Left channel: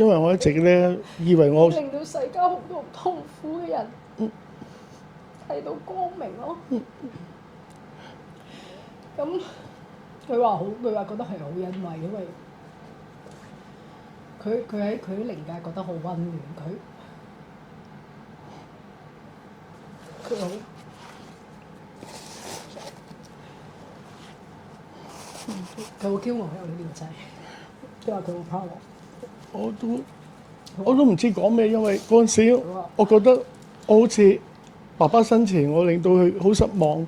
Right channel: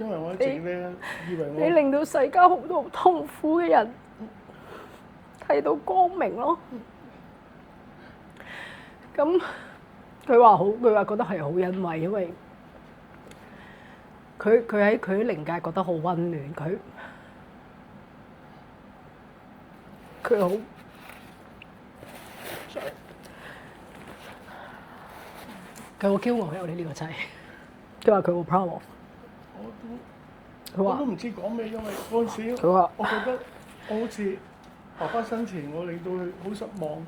因為我一直咧以為我你令到世間好多痛苦嘅人睇到光明咯。咁佢話覺得係好欣慰，因為佢喺佢靈界覺得好温暖，佢好。佢好驕傲有你呢個仔，佢話佢好 proud of。我都唔知講咩，因為嗰陣時佢話我覺得我好似爸爸生前，我令到佢好失望。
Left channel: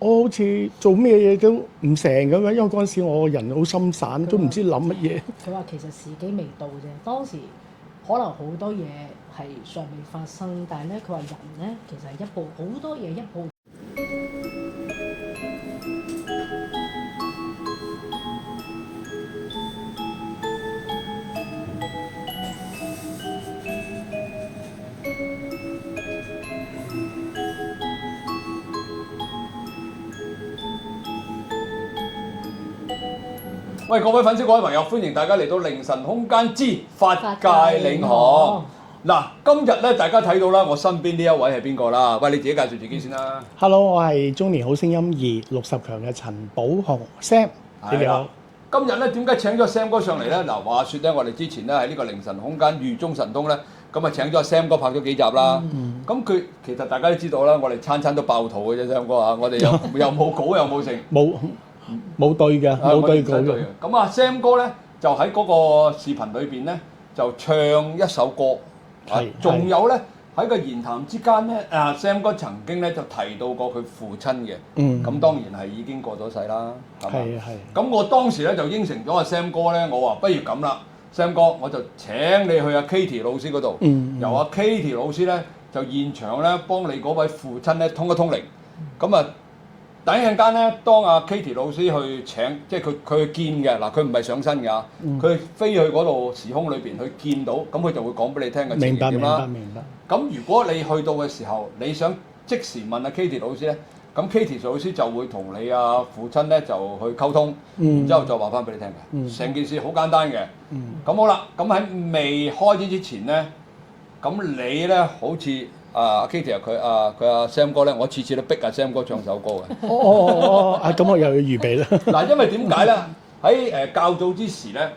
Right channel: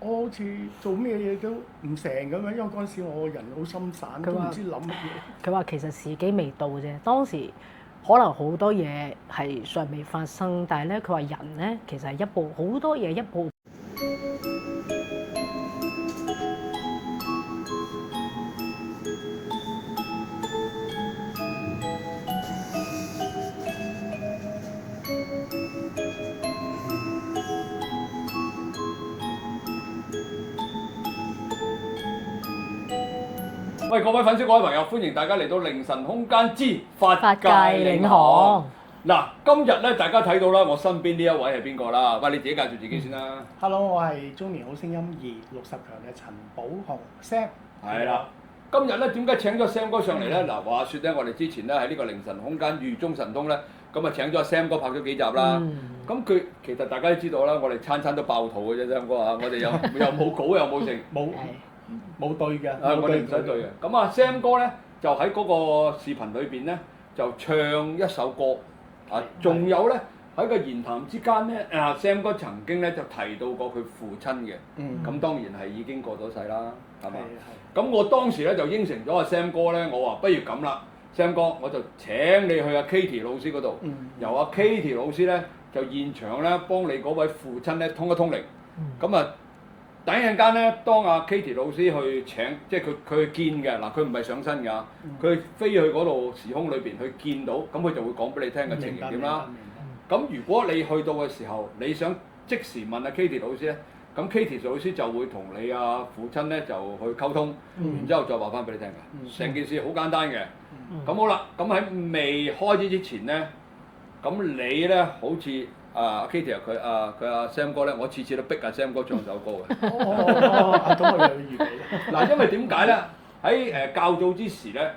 我好似做咩嘢都唔成咁樣，因為嗰陣時我個人好心散，都唔知諗乜嘢。佢話其實時機未到啫，當時可能好多嘢係尚未發生，但係咧佢話人咧其實係好多嘢一步。喂，各位粉絲、各位朋友，歡迎大家嚟到凌晨空間之法界領領航航。嗱，今日咧大家睇到啦，我身邊呢一位係邊個啦？喂，你自己介紹自己先啦。Hello， 我係中年好聲音260強嘅陳寶雄 Sam，你好。今日咧點解請咗 Sam 哥上嚟咧？嗱，話説咧，我哋之前咧喺呢個凌晨空間豫中神東咧，咁啊請咗 Sam 哥拍咗幾集啦。咁佢其實大家都知道啦，我哋餐餐都爆肚嘅啫，Sam 哥啊，我哋又冇稿又冇剩。冇對嘅，冇對稿嘅。咁啊，Sam 哥咧就喺嗰個視頻裏邊咧就唱一首歌，仲有咧喺個言談之間咧，Sam 哥曾經咧就提到過佢父親嘅，咁當然係已經過咗世啦。係。咁我當時咧就應承咗阿 Sam 哥咧，我話不如咁啦，Sam 哥我就請你去阿 Katie 老師嗰度，由阿 Katie 老師咧就現場咧幫你嗰位父親咧通一通靈，咁啊。等一陣間咧，當阿 Katie 老師去請，即係佢去見嘅嗱，佢唔係上身㗎，佢飛去嗰度時空裏邊去見到，咁佢就會講俾你聽嘅情形點啦。明白。咁如果你去到嘅時候，你想即時問阿 Katie 老師咧，咁 Katie 老師就會同你阿父親咧就去溝通，然之後再話翻俾你聽嘅。成件事好簡單嘅。咁好啦，咁喺未開始之前咧，咁你咧好似。Katie 佢阿 Sam 哥咧，我次次都逼阿 Sam 哥唱首歌嘅。咁我又要預備啦。嗱，因為點解咧？喺較早之時咧，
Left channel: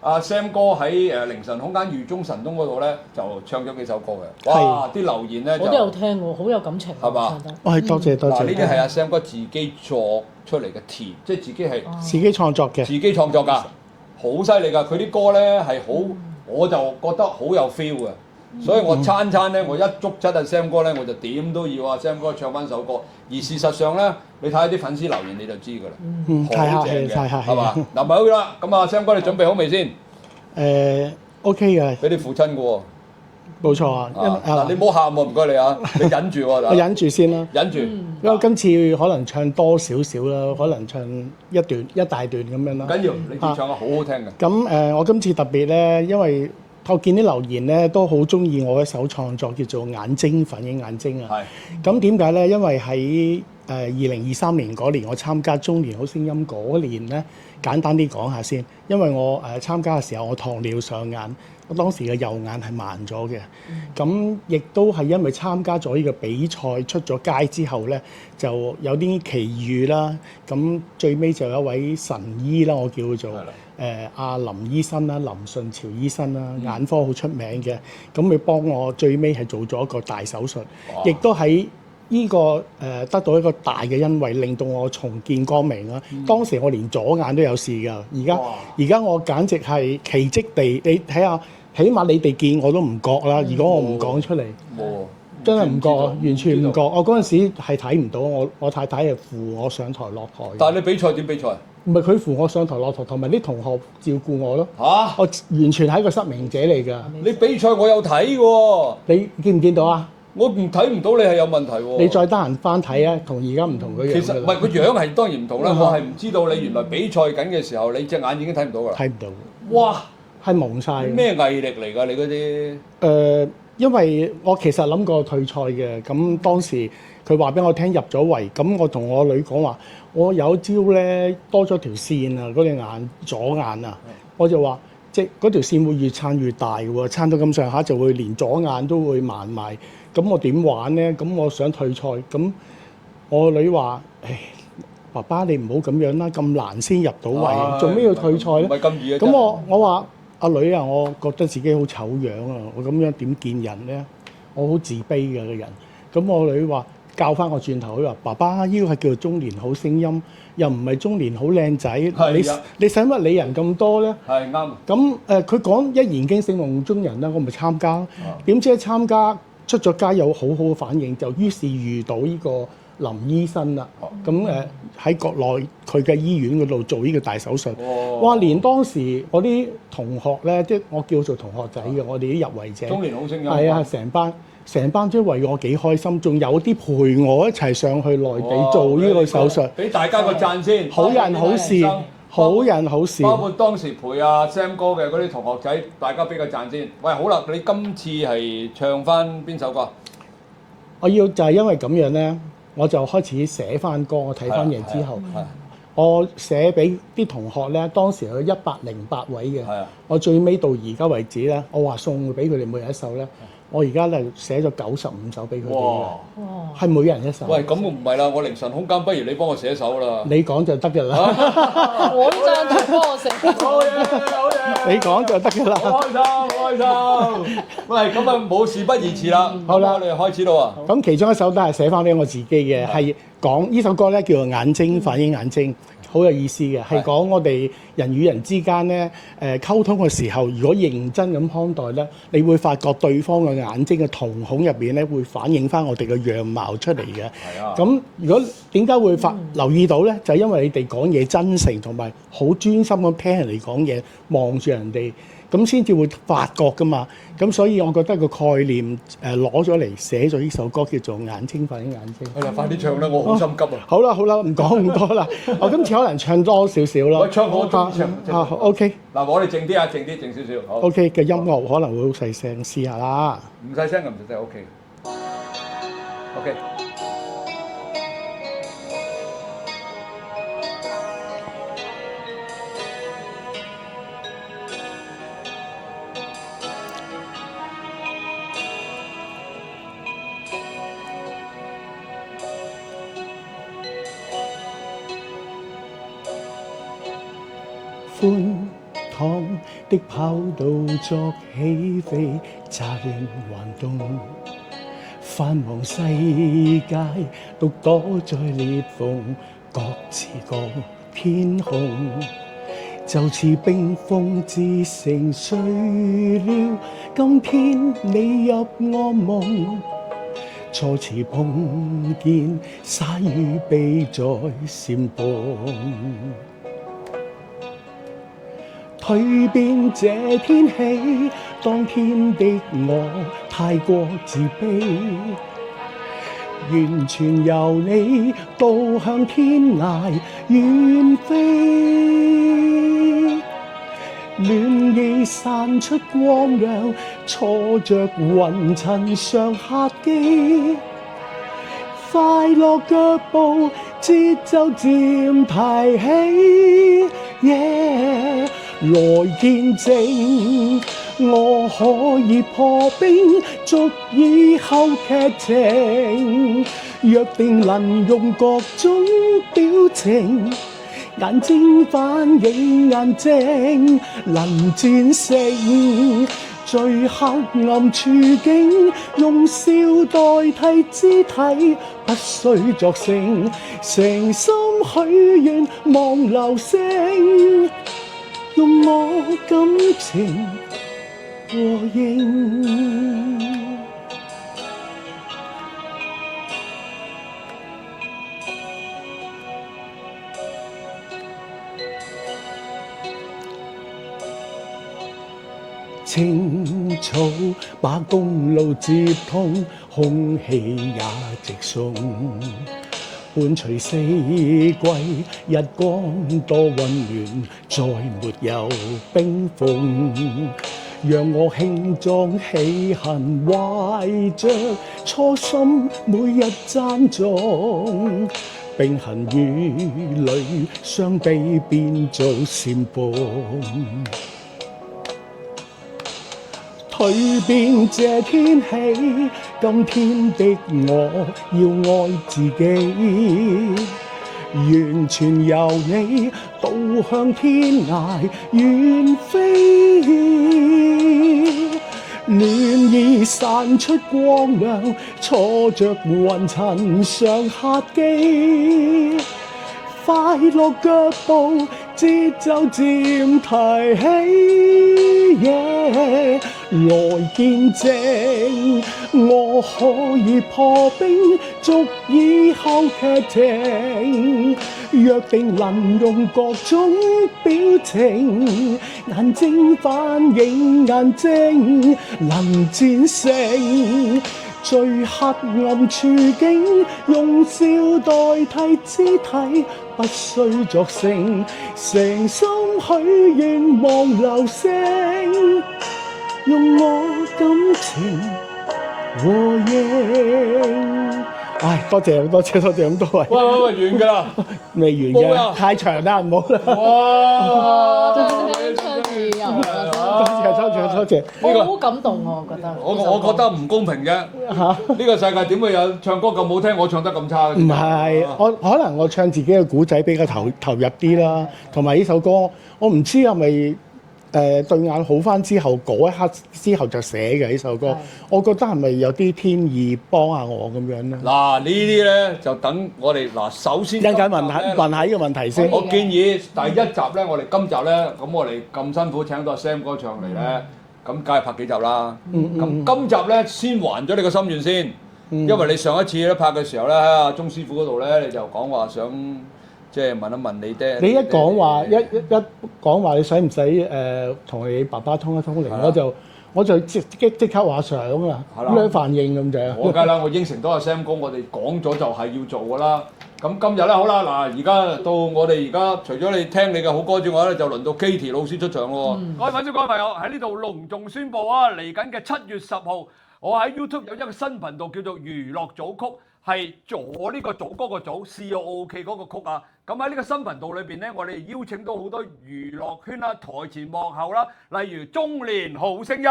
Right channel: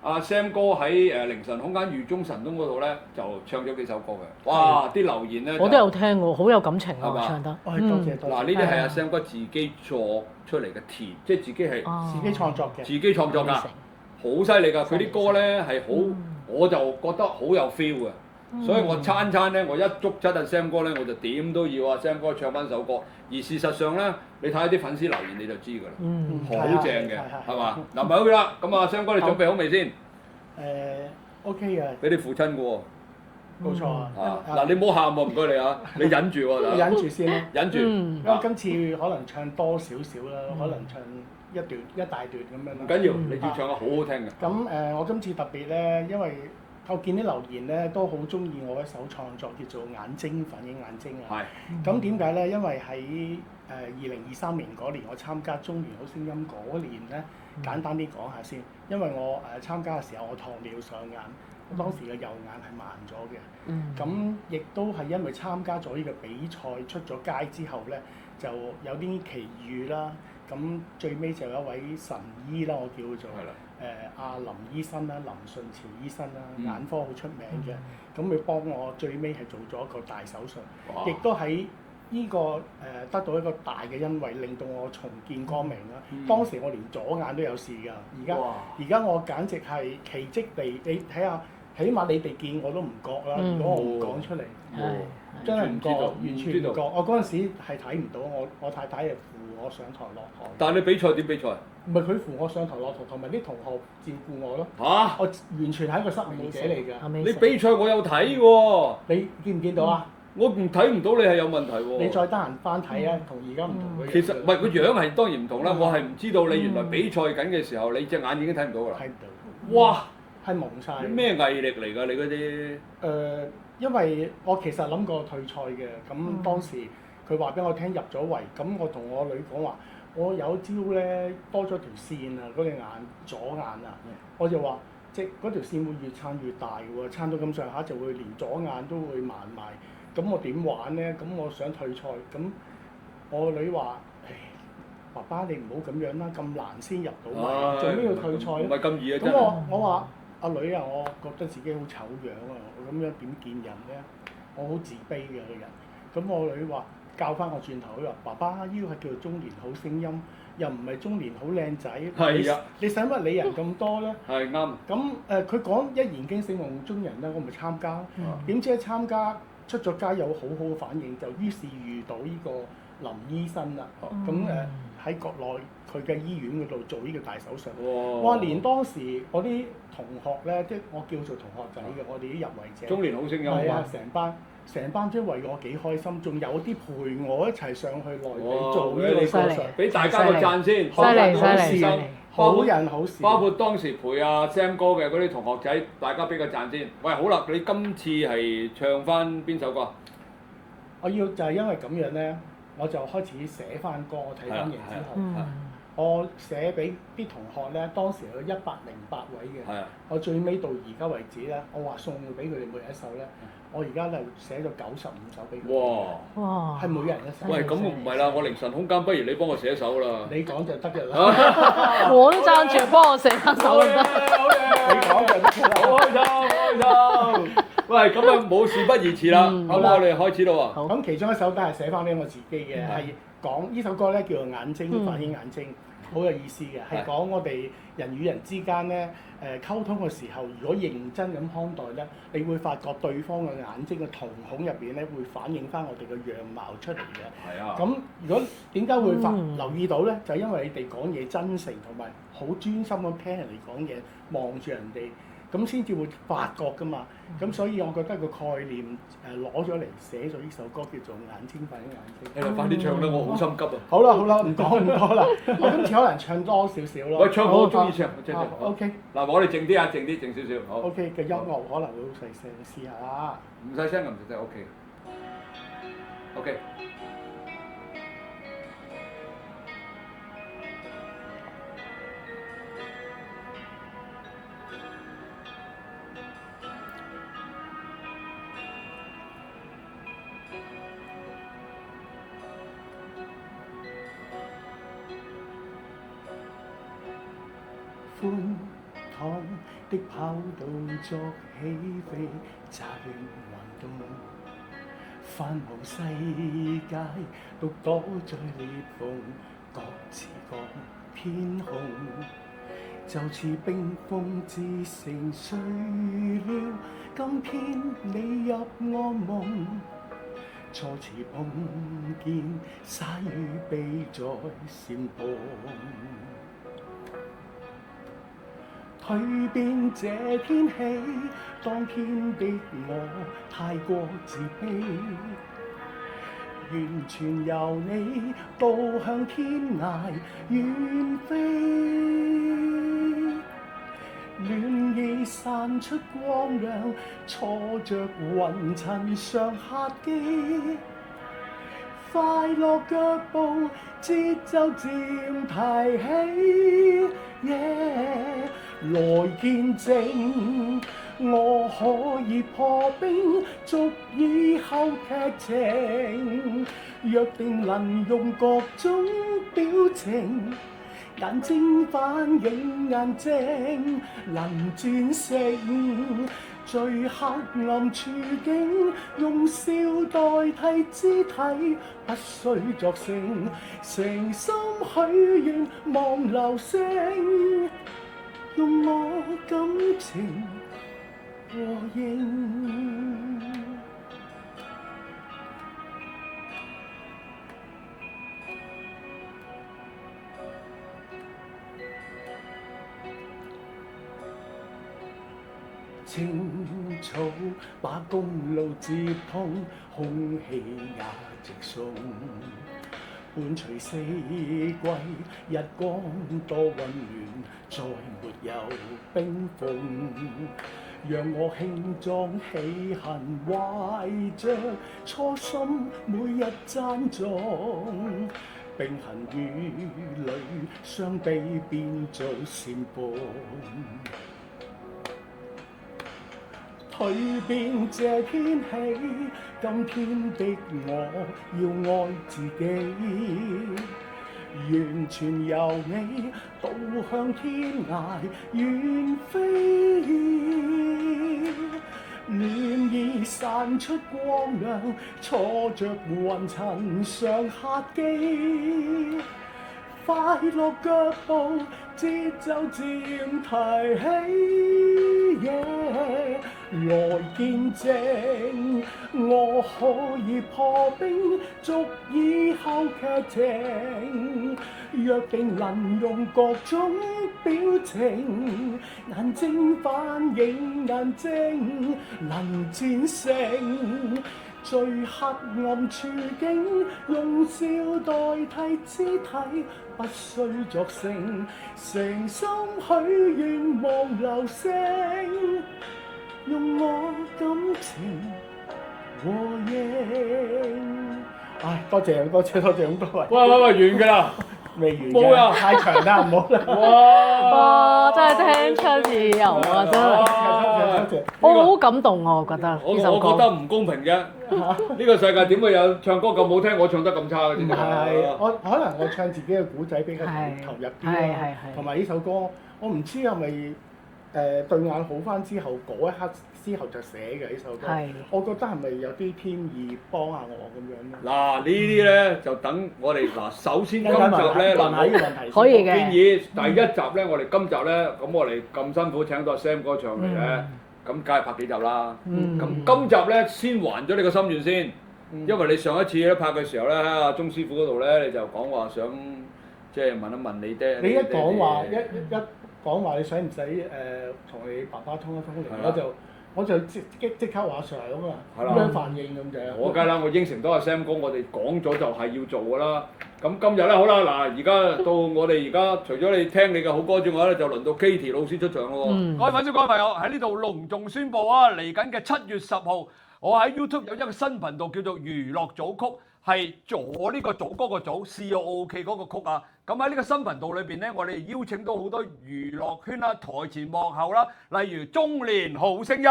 阿 Sam 哥喺凌晨空間豫中神東嗰度咧，就唱咗幾首歌嘅。哇！啲留言咧，我都有聽喎，好有感情啊，唱得。多謝。嗱，呢啲係阿 Sam 哥自己作出嚟嘅詞，即係自己係自己創作嘅。自己創作㗎，好犀利㗎！佢啲歌咧係好，我就覺得好有 feel 嘅。所以我餐咧，我一捉質阿 Sam 哥咧，我就點都要阿 Sam 哥唱翻首歌。而事實上咧，你睇下啲粉絲留言你就知㗎啦，好正嘅，係嘛？嗱，咪好啦，咁啊 Sam 哥你準備好未先？OK 嘅，俾你父親嘅喎，冇錯啊。你唔好喊喎，唔該你啊，你忍住喎，我忍住先啦，忍住。因為今次可能唱多少少啦，可能唱一大段咁樣啦。緊要，你唱得好好聽嘅。咁我今次特別咧，因為我見啲留言咧都好中意我一首創作叫做《眼睛反映眼睛》啊。咁點解咧？因為喺2023年嗰年，我參加中年好聲音嗰年咧，簡單啲講下先。因為我參加嘅時候，我糖尿上眼，我當時嘅右眼係盲咗嘅。咁亦都係因為參加咗呢個比賽出咗街之後咧，就有啲奇遇啦。咁最尾就有一位神醫啦，我叫做。阿林醫生啦，林順潮醫生啦，眼科好出名嘅，咁佢幫我最尾係做咗一個大手術，亦都喺呢個得到一個大嘅恩惠，令到我重見光明啦。當時我連左眼都有事㗎，而家我簡直係奇蹟地，你睇下，起碼你哋見我都唔覺啦。如果我唔講出嚟，真係唔覺，完全唔覺。我嗰陣時係睇唔到，我太太係扶我上台落台。但係你比賽點比賽？唔係佢扶我上台落台，同埋啲同學照顧我咯。我完全係一個失明者嚟㗎。你比賽我有睇喎。你見唔見到啊？我唔睇唔到你係有問題喎。你再得閒翻睇啊，同而家唔同嘅樣。其實唔係個樣係當然唔同啦，我係唔知道你原來比賽緊嘅時候，你隻眼已經睇唔到㗎啦。睇唔到。哇！係蒙晒。咩毅力嚟㗎？你嗰啲？因為我其實諗過退賽嘅，咁當時佢話俾我聽入咗圍，咁我同我女講話，我有朝咧多咗條線啊，嗰隻眼左眼啊，我就話即係嗰條線會越撐越大喎，撐到咁上下就會連左眼都會盲埋。咁我點玩咧？咁我想退賽，咁我女話：唉，爸爸你唔好咁樣啦，咁難先入到位，做咩要退賽咧？唔係咁易啊！咁我話阿女啊，我覺得自己好醜樣啊，我咁樣點見人咧？我好自卑嘅個人。咁我女話教翻我轉頭，佢話：爸爸呢個係叫做中年好聲音，又唔係中年好靚仔。你使乜理人咁多咧？係啱。咁佢講一言驚醒夢中人啦，我咪參加。點知一參加出咗街有好好嘅反應，就於是遇到呢個林醫生啦。咁喺國內佢嘅醫院嗰度做呢個大手術。哇！連當時我啲同學咧，即係我叫做同學仔嘅，我哋啲入圍者。中年好聲音。係啊，成班即係為我幾開心，仲有啲陪我一齊上去內地做呢個手術。俾大家個讚先，好人好事，好人好事。包括當時陪阿 Sam 哥嘅嗰啲同學仔，大家俾個讚先。喂，好啦，你今次係唱翻邊首歌？我要就係因為咁樣咧，我就開始寫翻歌。我睇翻完之後，我寫俾啲同學咧，當時有108位嘅。我最尾到而家為止咧，我話送俾佢哋每人一首咧。我而家咧寫咗95首俾佢哋，哇！係每人一首。喂，咁唔係啦，我凌晨空間，不如你幫我寫首啦。你講就得㗎啦。我都贊成幫我寫首就得。你講就得㗎啦。開心。喂，咁啊冇事不宜遲啦。好啦，我哋開始啦喎。咁其中一首都係寫翻俾我自己嘅，係講呢首歌咧叫做《眼睛反映眼睛》。好有意思嘅，係講我哋人與人之間咧溝通嘅時候，如果認真咁看待咧，你會發覺對方嘅眼睛嘅瞳孔入邊咧，會反映翻我哋嘅樣貌出嚟嘅。咁如果點解會留意到咧？就係因為你哋講嘢真誠同埋好專心咁聽人哋講嘢，望住人哋。咁先至會發覺㗎嘛，咁所以我覺得個概念攞咗嚟寫咗呢首歌叫做《眼睛反映眼睛》。係啦，快啲唱啦，我好心急啊！好啦，唔講咁多啦，我今次可能唱多少少啦。我唱好中意唱。OK。嗱，我哋靜啲啊，靜少少。OK 嘅音樂可能會好細聲，試下啦。唔細聲咁就真係 OK。OK。寬敞的跑道作起飛，乍現環動，繁忙世界獨躲在裂縫，各自各天空，就似冰封之城碎了。今天你入我夢，初次碰見，灑與悲在閃碰。蛻變這天氣，當天的我太過自卑，完全由你導向天涯遠飛，暖意散出光亮，錯着雲層上客機，快樂腳步節奏漸提起。Yeah，來見證，我可以破冰，續以後劇情。約定能用各種表情，眼睛反映眼睛，能戰勝最黑暗處境，用笑代替肢體，不需作聲，誠心許願望流星，用我感情和應。青草把公路接通，空氣也直送，伴隨四季，日光多溫暖，再沒有冰封。讓我輕裝喜恨，懷着初心，每日讚頌。冰痕與淚相比，變做煽風。隨便這天氣，今天的我要愛自己，完全由你導向天涯遠飛，暖意散出光亮，錯着雲層上客機，快樂腳步節奏漸提起，來見證我可以破冰，足以後劇情，約定能用各種表情，眼睛反映眼睛，能戰勝最黑暗處境，用笑代替肢體，不需作聲，誠心許願望流星，用我感情和應。唉，多謝咁多位。喂，完㗎啦，未完冇啊嘅，太長啦，唔好啦。哇！真係聽出自由啊！真係，多謝。我好感動啊！我覺得我呢首歌覺得唔公平嘅，呢個世界點會有唱歌咁好聽，我唱得咁差嘅？唔係，我可能我唱自己嘅古仔比較投入啲啦，同埋呢首歌，我唔知係咪對眼好翻之後嗰一刻之後就寫嘅呢首歌，我覺得係咪有啲天意幫下我咁樣咧？嗱，呢啲咧就等我哋嗱，首先一陣間問下呢個問題先。我建議第一集咧，我哋今集咧，咁我哋咁辛苦請到 Sam 哥上嚟咧，咁梗係拍幾集啦。咁今集咧先還咗你個心願先，因為你上一次咧拍嘅時候咧，喺阿鐘師傅嗰度咧，你就講話想即係問一問你爹。你一講話一講話，你使唔使同你爸爸通一通靈？我就即刻話想啊，咩反應咁就？我梗係啦，我應承到阿 Sam 哥，我哋講咗就係要做㗎啦。咁今日咧好啦，嗱而家到我哋而家除咗你聽你嘅好歌之外咧，就輪到 Katie 老師出場咯。各位粉絲、各位朋友喺呢度隆重宣佈啊！嚟緊嘅7月10號，我喺 YouTube 有一個新頻道叫做娛樂組曲，係左呢個組嗰個組 COOK 嗰個曲啊。咁喺呢個新頻道裏邊咧，我哋邀請到好多娛樂圈啦、台前幕後啦，例如中年好聲音，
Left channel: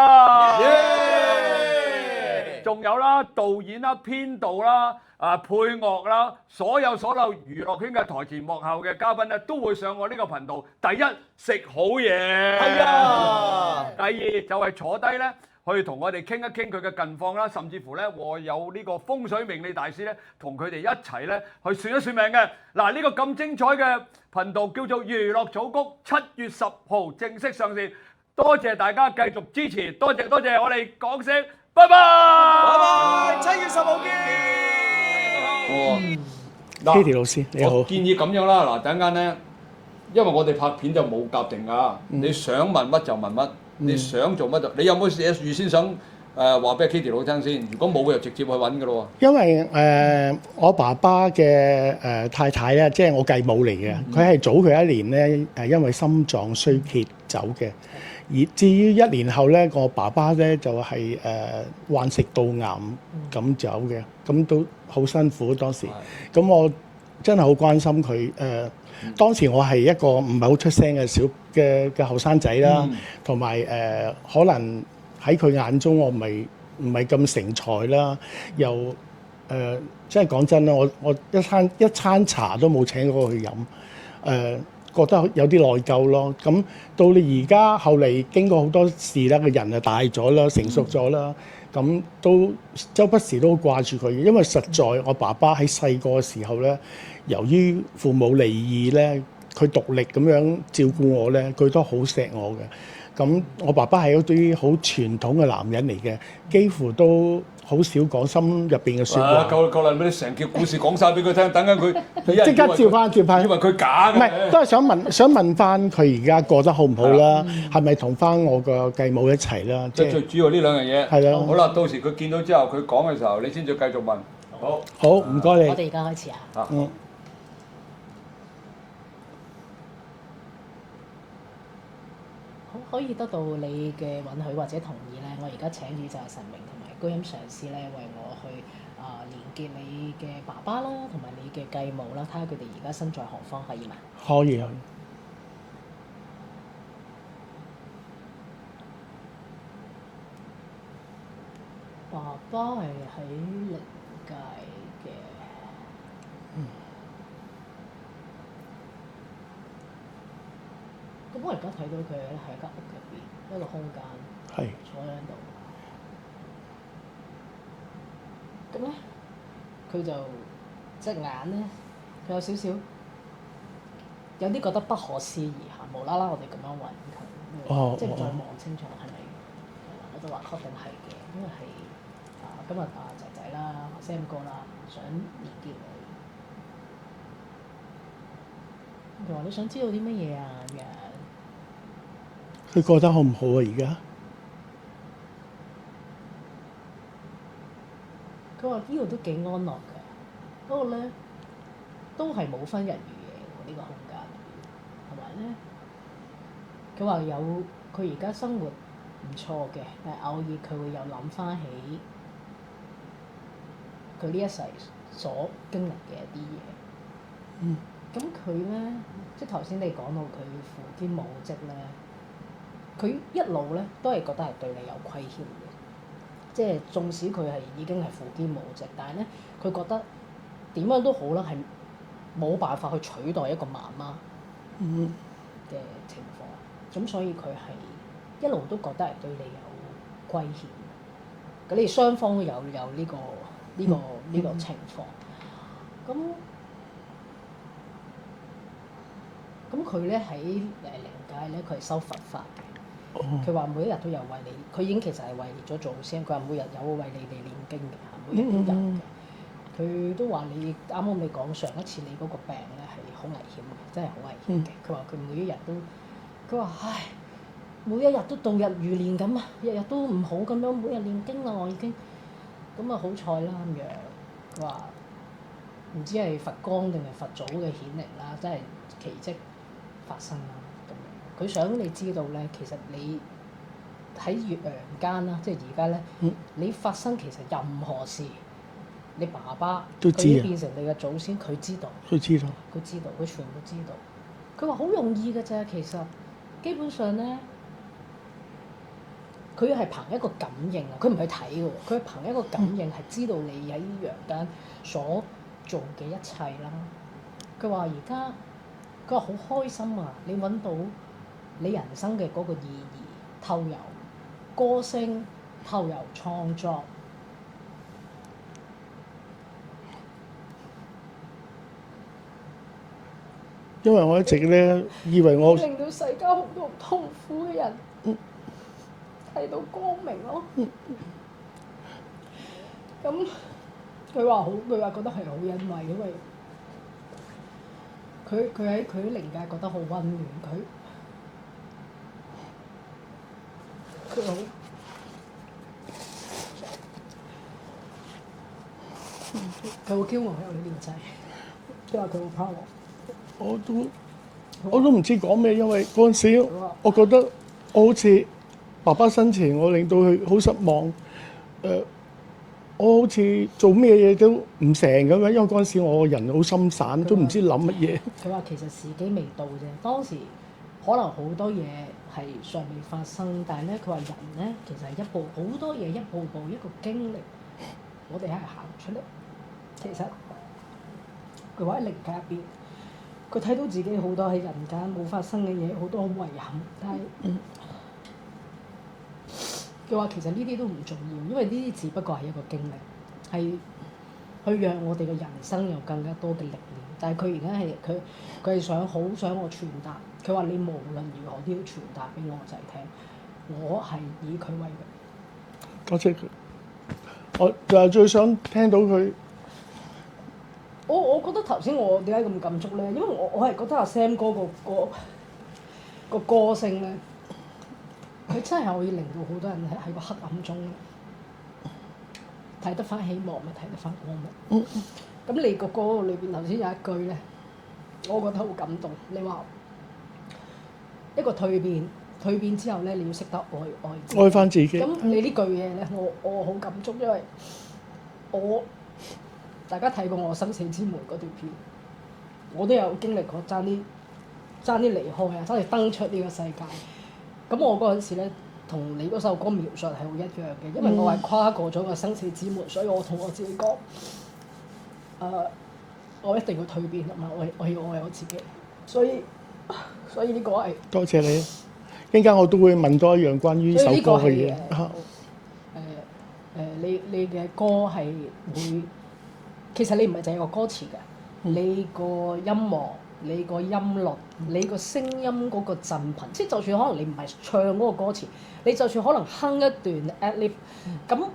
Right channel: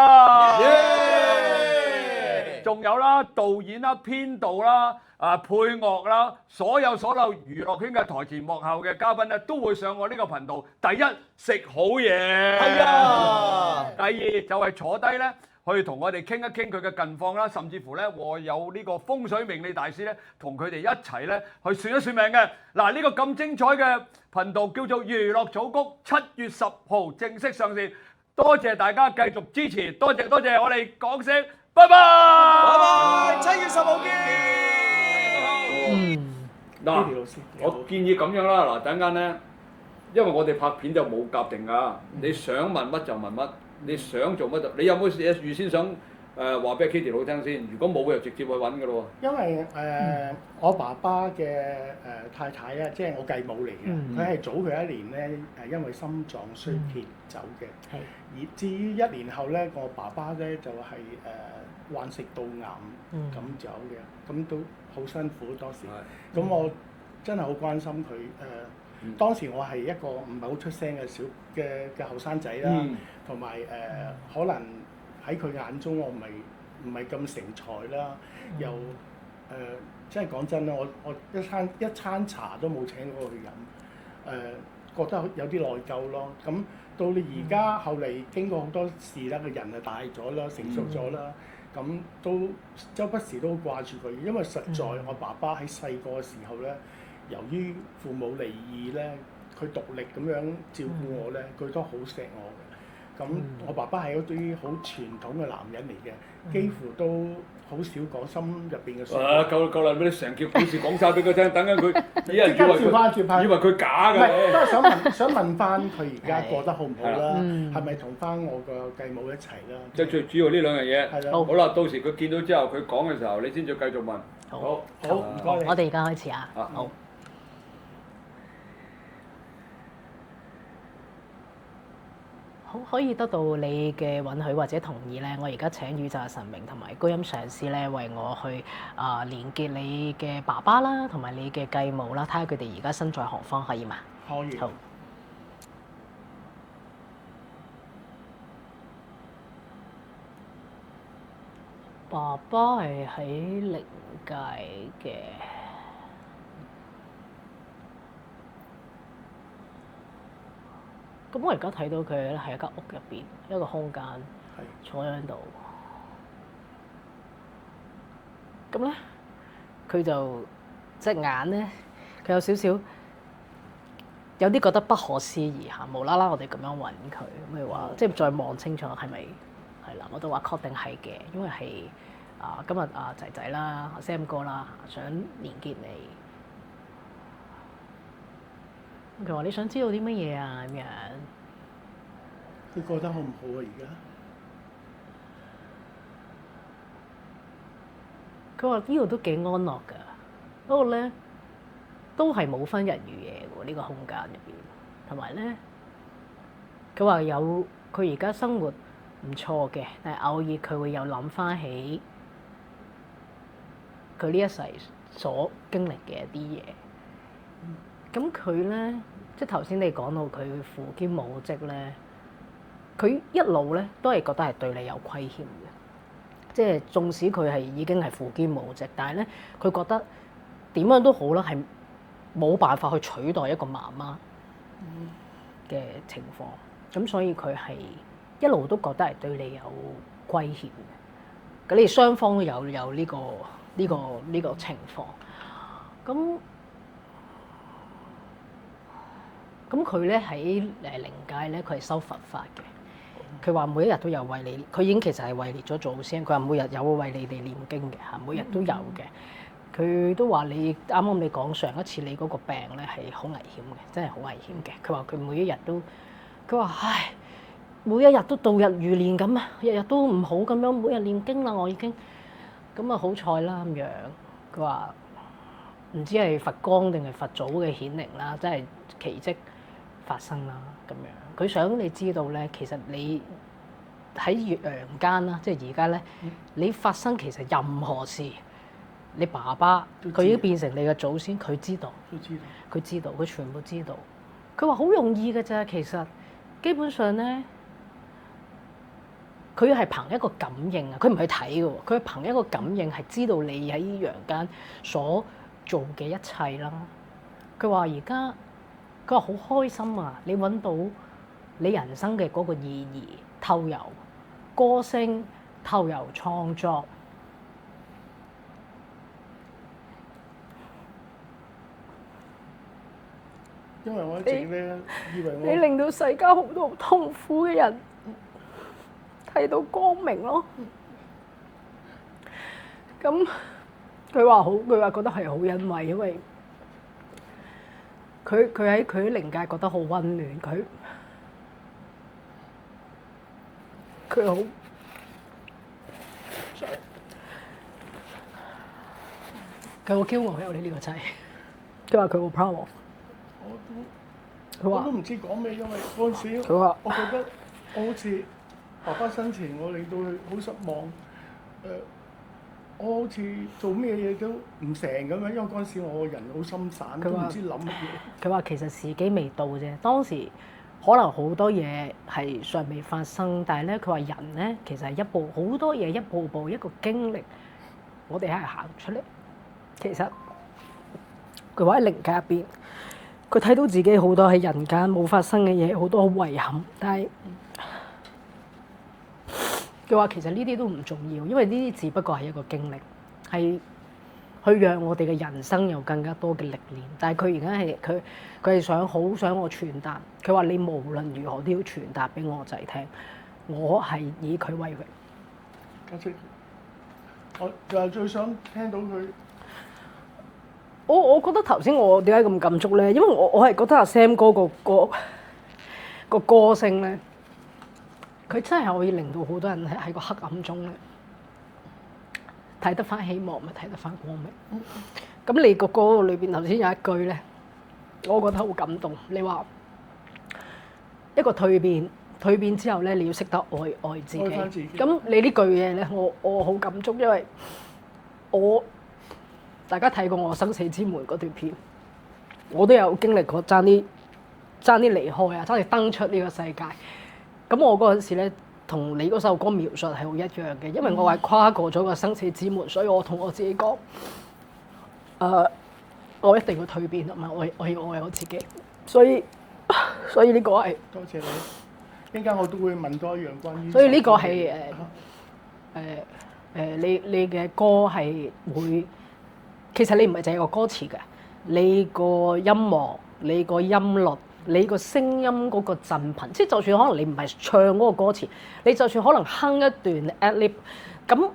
仲有啦導演啦、編導啦、配樂啦，所有娛樂圈嘅台前幕後嘅嘉賓咧，都會上我呢個頻道。第一，食好嘢，係啊；第二就係坐低咧，去同我哋傾一傾佢嘅近況啦，甚至乎咧，我有呢個風水命理大師咧，同佢哋一齊咧去算一算命嘅。嗱，呢個咁精彩嘅頻道叫做娛樂組曲，7月10號正式上線。多謝大家繼續支持，多謝，我哋講聲拜拜，7月10號見。Katie 老師你好，我建議咁樣啦，嗱等間咧，因為我哋拍片就冇夾定㗎，你想問乜就問乜。你想做乜就？你有冇嘢預先想話俾 Katie 老聽先？如果冇嘅就直接去揾㗎咯喎。因為我爸爸嘅太太咧，即係我繼母嚟嘅，佢係早佢一年咧因為心臟衰竭走嘅。而至於1年後咧，我爸爸咧就係患食道癌咁走嘅，咁都好辛苦當時。咁我真係好關心佢當時我係一個唔係好出聲嘅後生仔啦，同埋可能喺佢眼中我唔係咁成才啦，又即係講真啦，我一餐茶都冇請過佢飲，覺得有啲內疚咯。咁到你而家後嚟經過好多事啦，個人就大咗啦，成熟咗啦，咁都周不時都掛住佢，因為實在我爸爸喺細個嘅時候咧。由於父母離異咧，佢獨力咁樣照顧我咧，佢都好錫我嘅。咁我爸爸係一啲好傳統嘅男人嚟嘅，幾乎都好少講心入邊嘅説話。夠啦！俾你成條故事講晒俾佢聽，等緊佢即刻照翻，以為佢假嘅。唔係，都係想問翻佢而家過得好唔好啦？係咪同翻我個繼母一齊啦？即係最主要呢兩樣嘢。係啦。好啦，到時佢見到之後，佢講嘅時候，你先再繼續問。好，唔該你。我哋而家開始啊。好。好，可以得到你嘅允許或者同意咧，我而家請宇宙神明同埋高音上師咧，為我去連結你嘅爸爸啦，同埋你嘅繼母啦，睇下佢哋而家身在何方，可以嘛？可以。好。爸爸係喺靈界嘅。咁我而家睇到佢咧係一間屋入邊一個空間，係坐喺度。咁咧，佢就隻眼咧，佢有少少有啲覺得不可思議嚇，無啦啦我哋咁樣揾佢，咩話即係再望清楚係咪係啦？我都話確定係嘅，因為係今日仔仔啦，阿 Sam 哥啦，想連結你。佢話：你想知道啲乜嘢啊？咁樣。佢覺得好唔好啊？而家佢話呢度都幾安樂㗎，不過咧都係冇分日與夜喎，呢個空間入邊。同埋咧，佢話佢而家生活唔錯嘅，但係偶爾佢會有諗翻起佢呢一世所經歷嘅一啲嘢。咁佢咧，即係頭先你講到佢父兼母職咧，佢一路咧都係覺得係對你有虧欠嘅，即係縱使佢係已經係父兼母職，但係咧佢覺得點樣都好啦，係冇辦法去取代一個媽媽嘅情況，咁所以佢係一路都覺得係對你有虧欠嘅。咁你哋雙方都有呢個情況，咁佢咧喺靈界咧，佢係修佛法嘅。佢話每一日都有為你，佢已經其實係位列咗祖先。佢話每日有為你哋念經嘅嚇，每日都有嘅。佢都話你啱啱你講上一次你嗰個病咧係好危險嘅，真係好危險嘅。佢話佢每一日都，佢話唉，每一日都度日如年咁啊，日日都唔好咁樣，每日念經啦，我已經咁啊好彩啦咁樣。佢話唔知係佛光定係佛祖嘅顯靈啦，真係奇蹟發生啦咁樣。佢想你知道咧，其實你喺陽間啦，即係而家咧，你發生其實任何事，你爸爸佢已經變成你嘅祖先，佢知道，佢全部知道。佢話好容易嘅咋，其實基本上咧，佢係憑一個感應啊，佢唔係睇嘅喎，佢係憑一個感應係知道你喺陽間所做嘅一切啦。佢話而家，佢話好開心啊！你揾到你人生嘅嗰個意義，透由歌聲，透由創作。因為我一直咧以為你令到世間好多痛苦嘅人睇到光明咯。咁佢話覺得係好欣慰，因為佢喺靈界覺得好溫暖，佢好驕傲有你呢個仔，佢話佢好 proud。我都唔知講咩，因為嗰陣時我覺得我好似爸爸生前，我令到佢好失望。我好似做咩嘢都唔成咁樣，因為嗰陣時我人好心散，都唔知諗乜嘢。佢話其實時機未到啫，當時可能好多嘢係尚未發生，但係咧佢話人咧其實係好多嘢一步步一個經歷，我哋係行出嚟。其實佢話喺靈界入邊。佢睇到自己好多喺人間冇發生嘅嘢，好多好遺憾。但係佢話其實呢啲都唔重要，因為呢啲只不過係一個經歷，係去讓我哋嘅人生有更加多嘅歷練。但係佢而家係佢係好想我傳達。佢話你無論如何都要傳達俾我仔聽，我係以佢為榮。多謝佢，我就係最想聽到佢。我覺得頭先我點解咁感觸咧？因為我係覺得阿 Sam 哥個歌聲咧，佢真係可以令到好多人喺個黑暗中咧睇得翻希望，咪睇得翻光明。咁你個歌裏邊頭先有一句咧，我覺得好感動。你話一個蛻變之後咧，你要識得愛自己，愛翻自己。咁你呢句嘢咧，我好感觸，因為大家睇過我生死之門嗰段片，我都有經歷過爭啲離開啊，爭啲登出呢個世界。咁我嗰陣時咧，同你嗰首歌描述係好一樣嘅，因為我係跨過咗個生死之門，所以我同我自己講，我一定要蛻變，同埋我要愛我自己，所以呢個係多謝你。一陣間我都會問多一樣關於所以呢個首歌係嘅你嘅歌係會，其實你唔係淨係個歌詞嘅，你個音樂、你個音律、你個聲音嗰個震頻，即係就算可能你唔係唱嗰個歌詞，你就算可能哼一段 ad-lib， 咁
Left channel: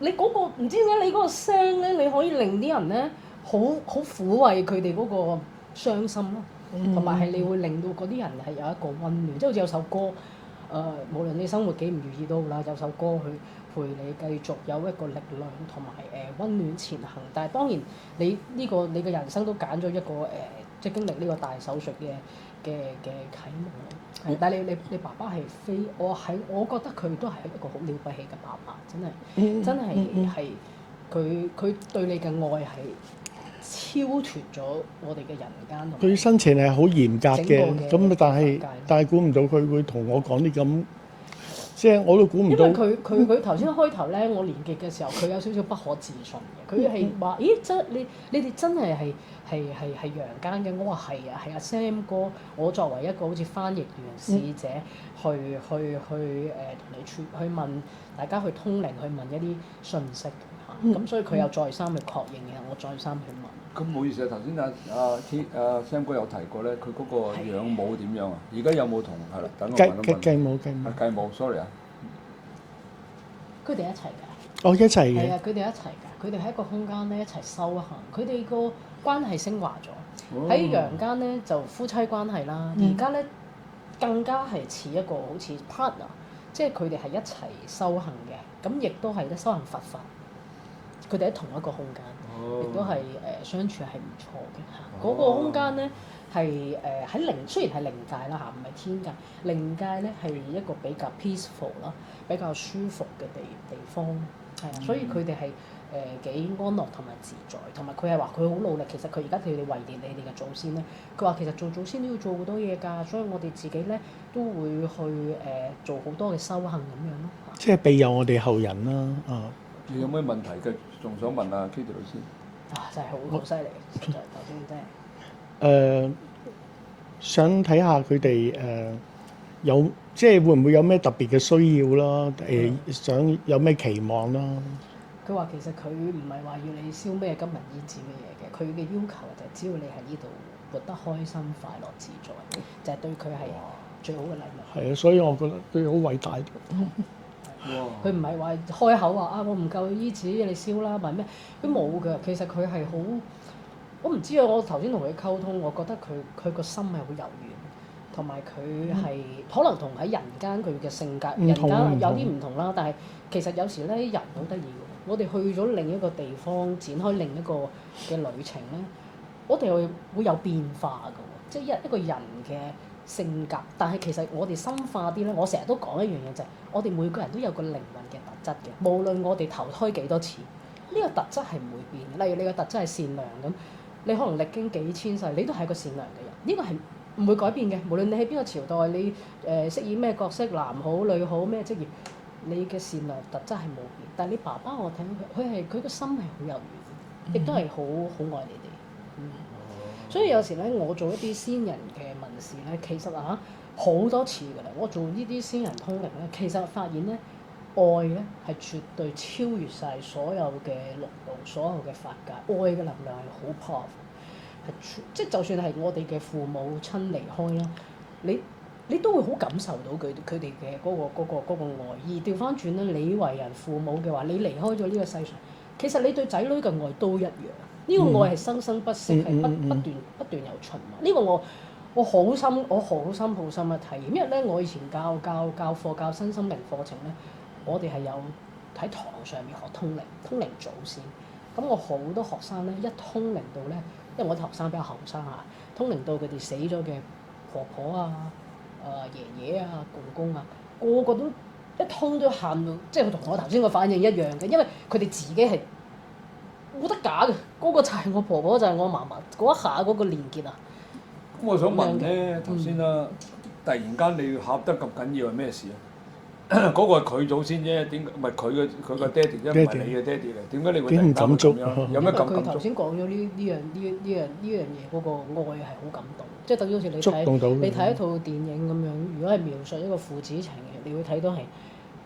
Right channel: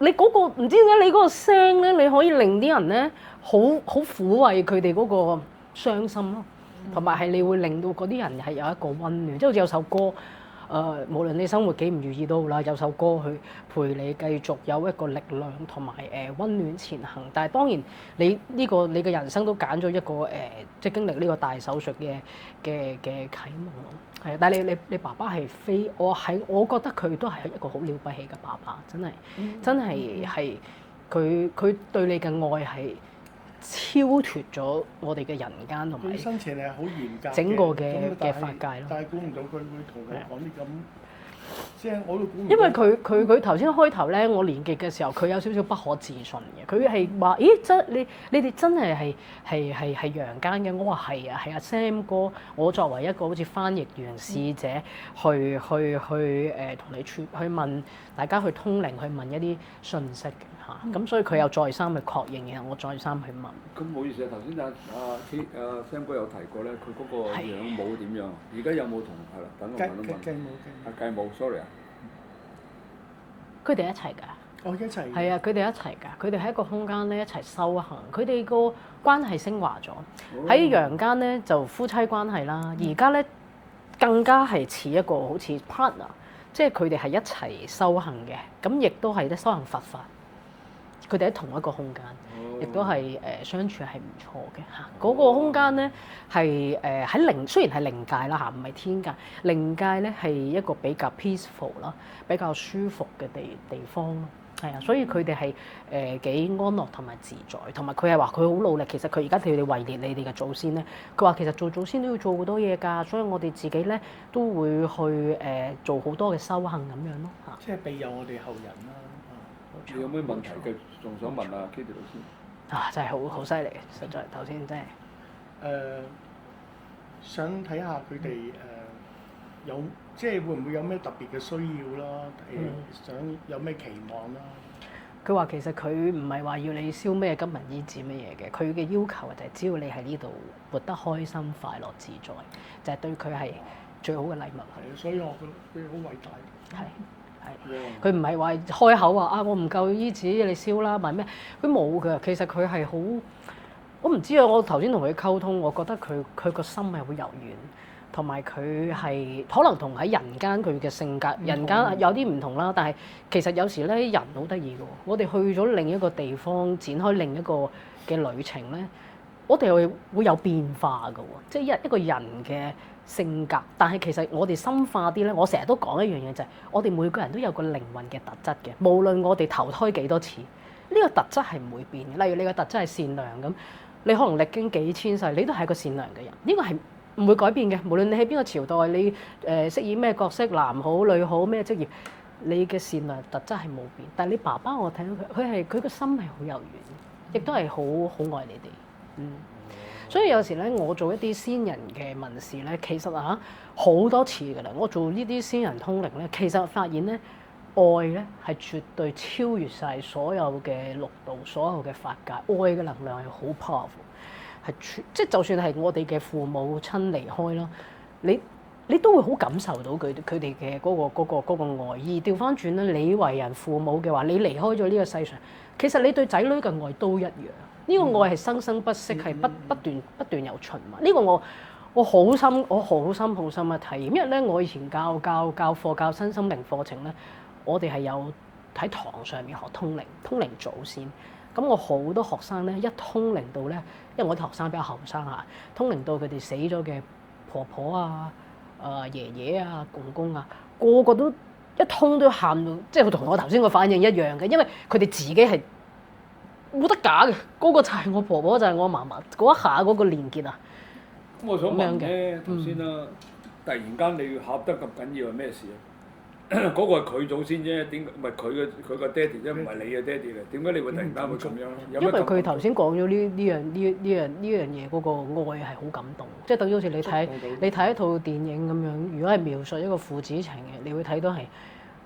你嗰個唔知點解你嗰個聲咧，你可以令啲人咧好撫慰佢哋嗰個傷心咯，同埋係你會令到嗰啲人係有一個溫暖，即係好似有首歌。無論你生活幾唔如意都好啦，有首歌去陪你繼續有一個力量同埋溫暖前行。但係當然你嘅人生都揀咗一個即係經歷呢個大手術嘅啟蒙咯。係，但係你爸爸係我覺得佢都係一個好了不起嘅爸爸，真係佢對你嘅愛係超脫咗我哋嘅人間同埋佢生前係好嚴格嘅，咁但係估唔到佢會同我講啲咁，即係我都估唔到。因為佢頭先開頭咧，我連結嘅時候，佢有少少不可置信嘅。佢係話：咦，你哋真係陽間嘅？我話係啊，係阿 Sam 哥。我作為一個好似翻譯員使者，去同你去問大家去通靈，去問一啲信息嘅。咁所以佢又再三去確認，然後我再三去問。咁唔好意思啊，頭先阿 Sam 哥有提過咧，佢嗰個養母點樣啊？而家有冇同係啦？等我問一問。繼母 ，sorry 啊。佢哋一齊㗎。哦，一齊。係啊，佢哋一齊㗎。佢哋喺一個空間咧一齊修行，佢哋個關係升華咗。喺陽間咧就夫妻關係啦，而家咧更加係似一個好似 partner，即係佢哋係一齊修行嘅，咁亦都係咧修行佛法。佢哋喺同一個空間，亦都係相處係唔錯嘅嚇。嗰個空間咧係喺雖然係靈界啦嚇，唔係天界。靈界咧係一個比較 peaceful 啦，比較舒服嘅地方咯。係啊，所以佢哋係幾安樂同埋自在，同埋佢係話佢好努力。其實佢而家佢哋為連你哋嘅祖先咧，佢話其實做祖先都要做好多嘢㗎，所以我哋自己咧都會去做好多嘅修行咁樣咯嚇。即係庇佑我哋後人啦，你有咩問題嘅？仲想問啊 Kitty 老師？真係好犀利，實在頭先真係。想睇下佢哋有即係會唔會有咩特別嘅需要啦？想有咩期望啦？佢話其實佢唔係話要你燒咩金銀衣紙乜嘢嘅，佢嘅要求就係只要你喺呢度活得開心、快樂、自在，就係對佢係最好嘅禮物。係啊，所以我覺得佢好偉大。佢唔係話開口話我唔夠衣紙，你燒啦，問咩？佢冇㗎。其實佢係好，我唔知啊。我頭先同佢溝通，我覺得佢個心係好柔軟，同埋佢係可能同喺人間佢嘅性格，人間有啲唔同啦。但係其實有時咧人好得意㗎喎。我哋去咗另一個地方，展開另一個嘅旅程咧，我哋會有變化㗎喎。即係一個人嘅性格，但係其實我哋深化啲咧，我成日都講一樣嘢就係，我哋每個人都有個靈魂嘅特質嘅，無論我哋投胎幾多次，呢個特質係唔會變。例如你個特質係善良咁，你可能歷經幾千世，你都係一個善良嘅人，呢個係唔會改變嘅。無論你喺邊個朝代，你飾演咩角色，男好女好咩職業，你嘅善良特質係冇變。但係你爸爸我睇到佢個心係好柔軟，亦都係好愛你哋。所以有時咧，我做一啲先人嘅問事咧，其實好多次㗎啦。我做呢啲先人通靈咧，其實發現咧，愛咧係絕對超越晒所有嘅六道、所有嘅法界。愛嘅能量係好 powerful，係即係就算係我哋嘅父母親離開啦，你都會好感受到佢哋嘅嗰個愛意。調翻轉咧，你為人父母嘅話，你離開咗呢個世上，其實你對仔女嘅愛都一樣。呢個愛係生生不息，係不斷有循環。呢個我好深嘅體驗。因為咧，我以前教課教身心靈課程咧，我哋係有喺堂上面學通靈祖先。咁我好多學生咧，一通靈到咧，因為我啲學生比較後生嚇，通靈到佢哋死咗嘅婆婆啊、爺爺啊、公公啊，個個都一通都喊到，即係同我頭先個反應一樣嘅，因為佢哋自己係冇得假嘅，嗰個就係我婆婆，就係我嫲嫲嗰一下嗰個連結啊！咁我想問咧，頭先啦，突然間你要喊得咁緊要係咩事啊？嗰個係佢祖先啫，點解唔係佢個爹哋啫？唔係你嘅爹哋嚟，點解你會突然間咁樣？有因為咩佢頭先講咗呢樣嘢嗰個愛係好感動，即係等於好似你睇一套電影咁樣，如果係描述一個父子情嘅，你會睇到係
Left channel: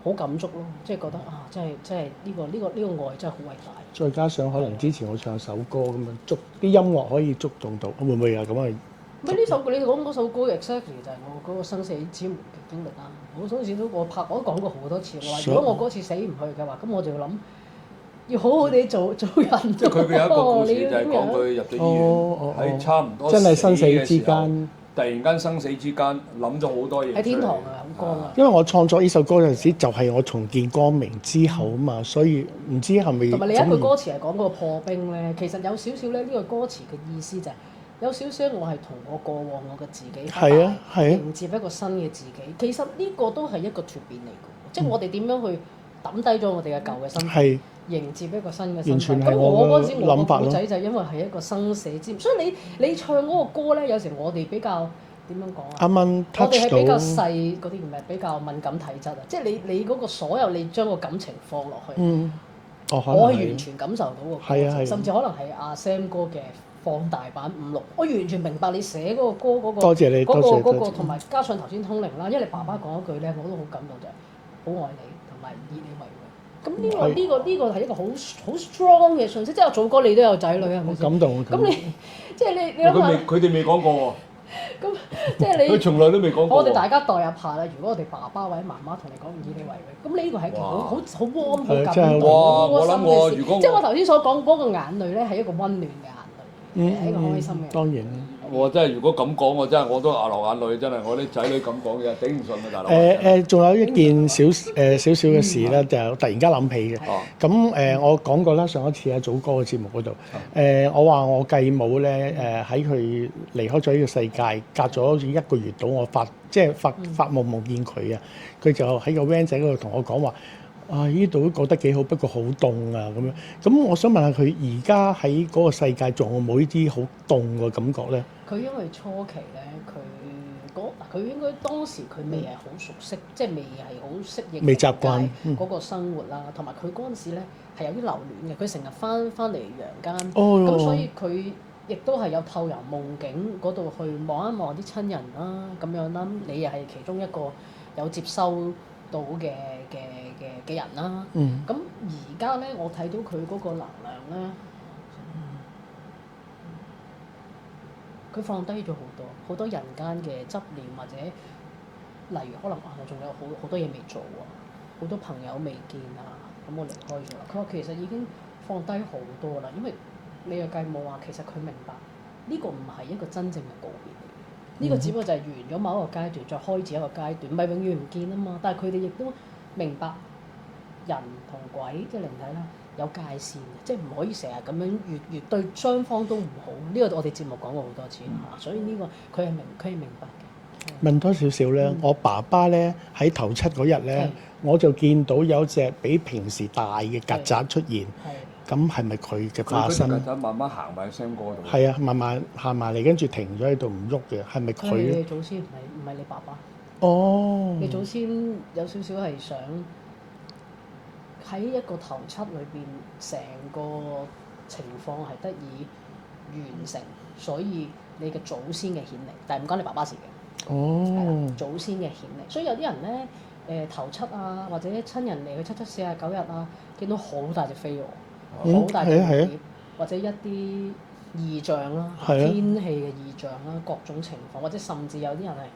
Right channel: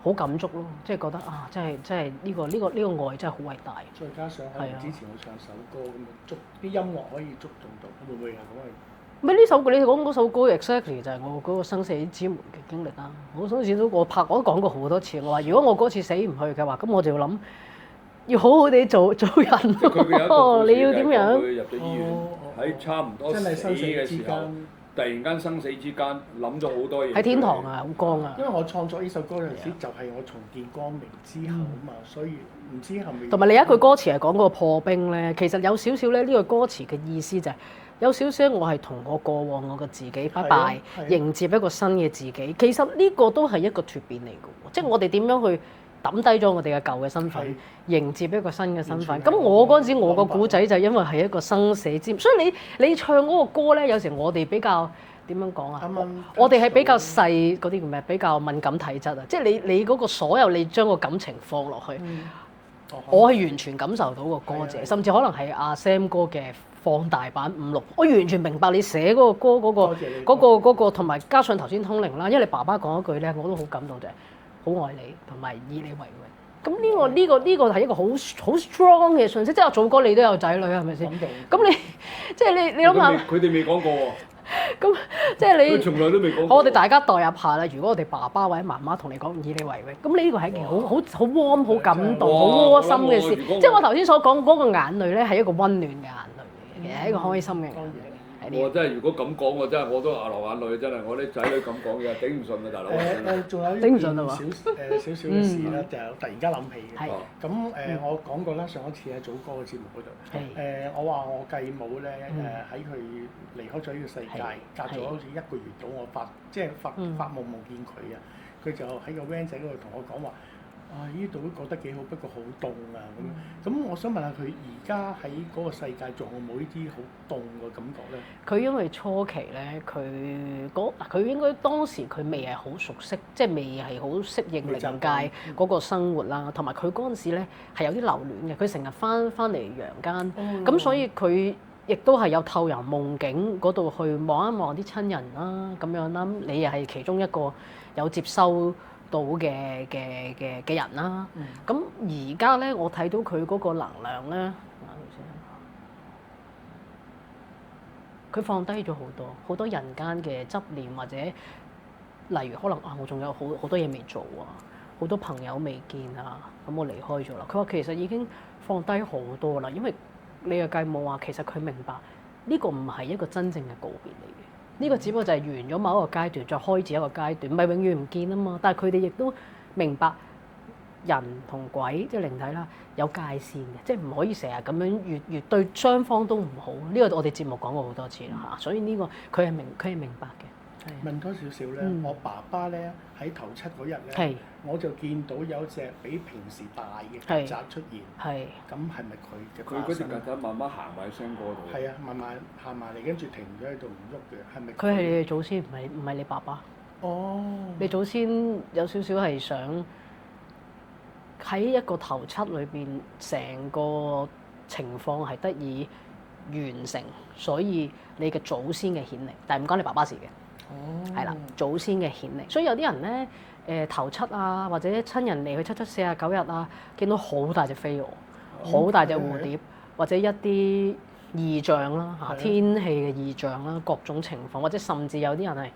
好感觸咯，即係覺得啊，真係呢個愛真係好偉大。再加上可能之前我唱首歌咁樣，啲音樂可以觸動到，會唔會有咁啊？咪呢首歌你講嗰首歌 exactly 就係我嗰個生死之門嘅經歷啦。我嗰時我都講過好多次，我話如果我嗰次死唔去嘅話，咁我就要諗要好好地做人。即係佢有一個故事你要點樣？佢入咗醫院，喺差唔多真係生死之時候間，突然間生死之間諗咗好多嘢。喺天堂啊，好光啊！因為我創作呢首歌嗰陣時，就係我重見光明之後啊嘛，所以唔知係咪同埋你一句歌詞係講嗰個破冰咧，其實有少少咧呢個歌詞嘅意思就係有少少我係同我過往我嘅自己拜迎接一個新嘅自己。其實呢個都係一個蛻變嚟嘅，即係我哋點樣去抌低咗我哋嘅舊嘅身份，迎接一個新嘅身份。咁我嗰陣時我個古仔就因為係一個生死之，所以你唱嗰個歌咧，有時我哋比較點樣講啊？我哋係比較細嗰啲叫咩？比較敏感體質啊！即係你嗰個所有你將個感情放落去，我係完全感受到個歌詞，甚至可能係阿 Sam 哥嘅放大版5、6，我完全明白你寫嗰個歌嗰個，同埋加上頭先通靈啦，因為你爸爸講一句咧，我都好感動，就係好愛你同埋以你為榮。咁呢個係一個好 strong 嘅信息，即係我祖哥你都有仔女係咪先？感動。咁你即係你諗下，佢哋未講過喎。咁即係你，佢從來都未講過。我哋大家代入下啦，如果我哋爸爸或者媽媽同你講以你為榮，咁呢個係一件好 warm、好感動、好窩心嘅事。即係我頭先所講嗰個眼淚咧，係一個溫暖嘅眼淚，係一個開心嘅。當然。我真係如果咁講，我都流眼淚，真係我啲仔女咁講嘅，頂唔順啊，大佬。仲有一件少少嘅事咧，就突然間諗起嘅。咁我講過啦，上一次喺祖哥嘅節目嗰度，我話我繼母咧喺佢離開咗呢個世界，隔咗好似1個月到，我發夢見佢啊，佢就喺個 van 仔嗰度同我講話。啊！呢度都覺得幾好，不過好凍啊咁樣。咁我想問下佢而家喺嗰個世界仲有冇呢啲好凍嘅感覺咧？佢因為初期咧，佢應該當時佢未係好熟悉，即係未係好適應靈界嗰個生活啦。同埋佢嗰陣時咧係有啲留戀嘅，佢成日翻嚟陽間，咁所以佢亦都係有透入夢境嗰度去望一望啲親人啦，咁樣啦。你又係其中一個有接收到嘅人啦，咁而家咧我睇到佢嗰個能量咧，佢放低咗好多人間嘅執念，或者例如可能我仲有好多嘢未做啊，好多朋友未見啊，咁我離開咗啦。佢話其實已經放低好多啦，因為你嘅繼母話其實佢明白呢個唔係一個真正嘅告別嚟嘅。呢個只不過就係完咗某一個階段，再開始一個階段，唔係永遠唔見啊嘛。但係佢哋亦都明白人同鬼即係靈體啦，有界線嘅，即係唔可以成日咁樣越對雙方都唔好。呢個我哋節目講過好多次啦嚇，所以呢個佢係明白嘅。問多少少咧，我爸爸咧喺頭七嗰日咧，我就見到有隻比平時大嘅曱甴出現。咁係咪佢嘅化身？曱甴慢慢行埋聲歌度。係啊，慢慢行埋嚟，跟住停咗喺度唔喐嘅，係咪佢？佢係你祖先，唔係你爸爸。哦。你祖先有少少係想喺一個頭七裏邊，成個情況係得以完成，所以你嘅祖先嘅顯靈，但係唔關你爸爸事嘅。係啦，祖先嘅顯靈，所以有啲人咧，頭七啊，或者親人嚟去7、7、49日啊，見到好大隻飛蛾，好大隻蝴蝶，或者一啲異象啦，天氣嘅異象啦，各種情況，或者甚至有啲人係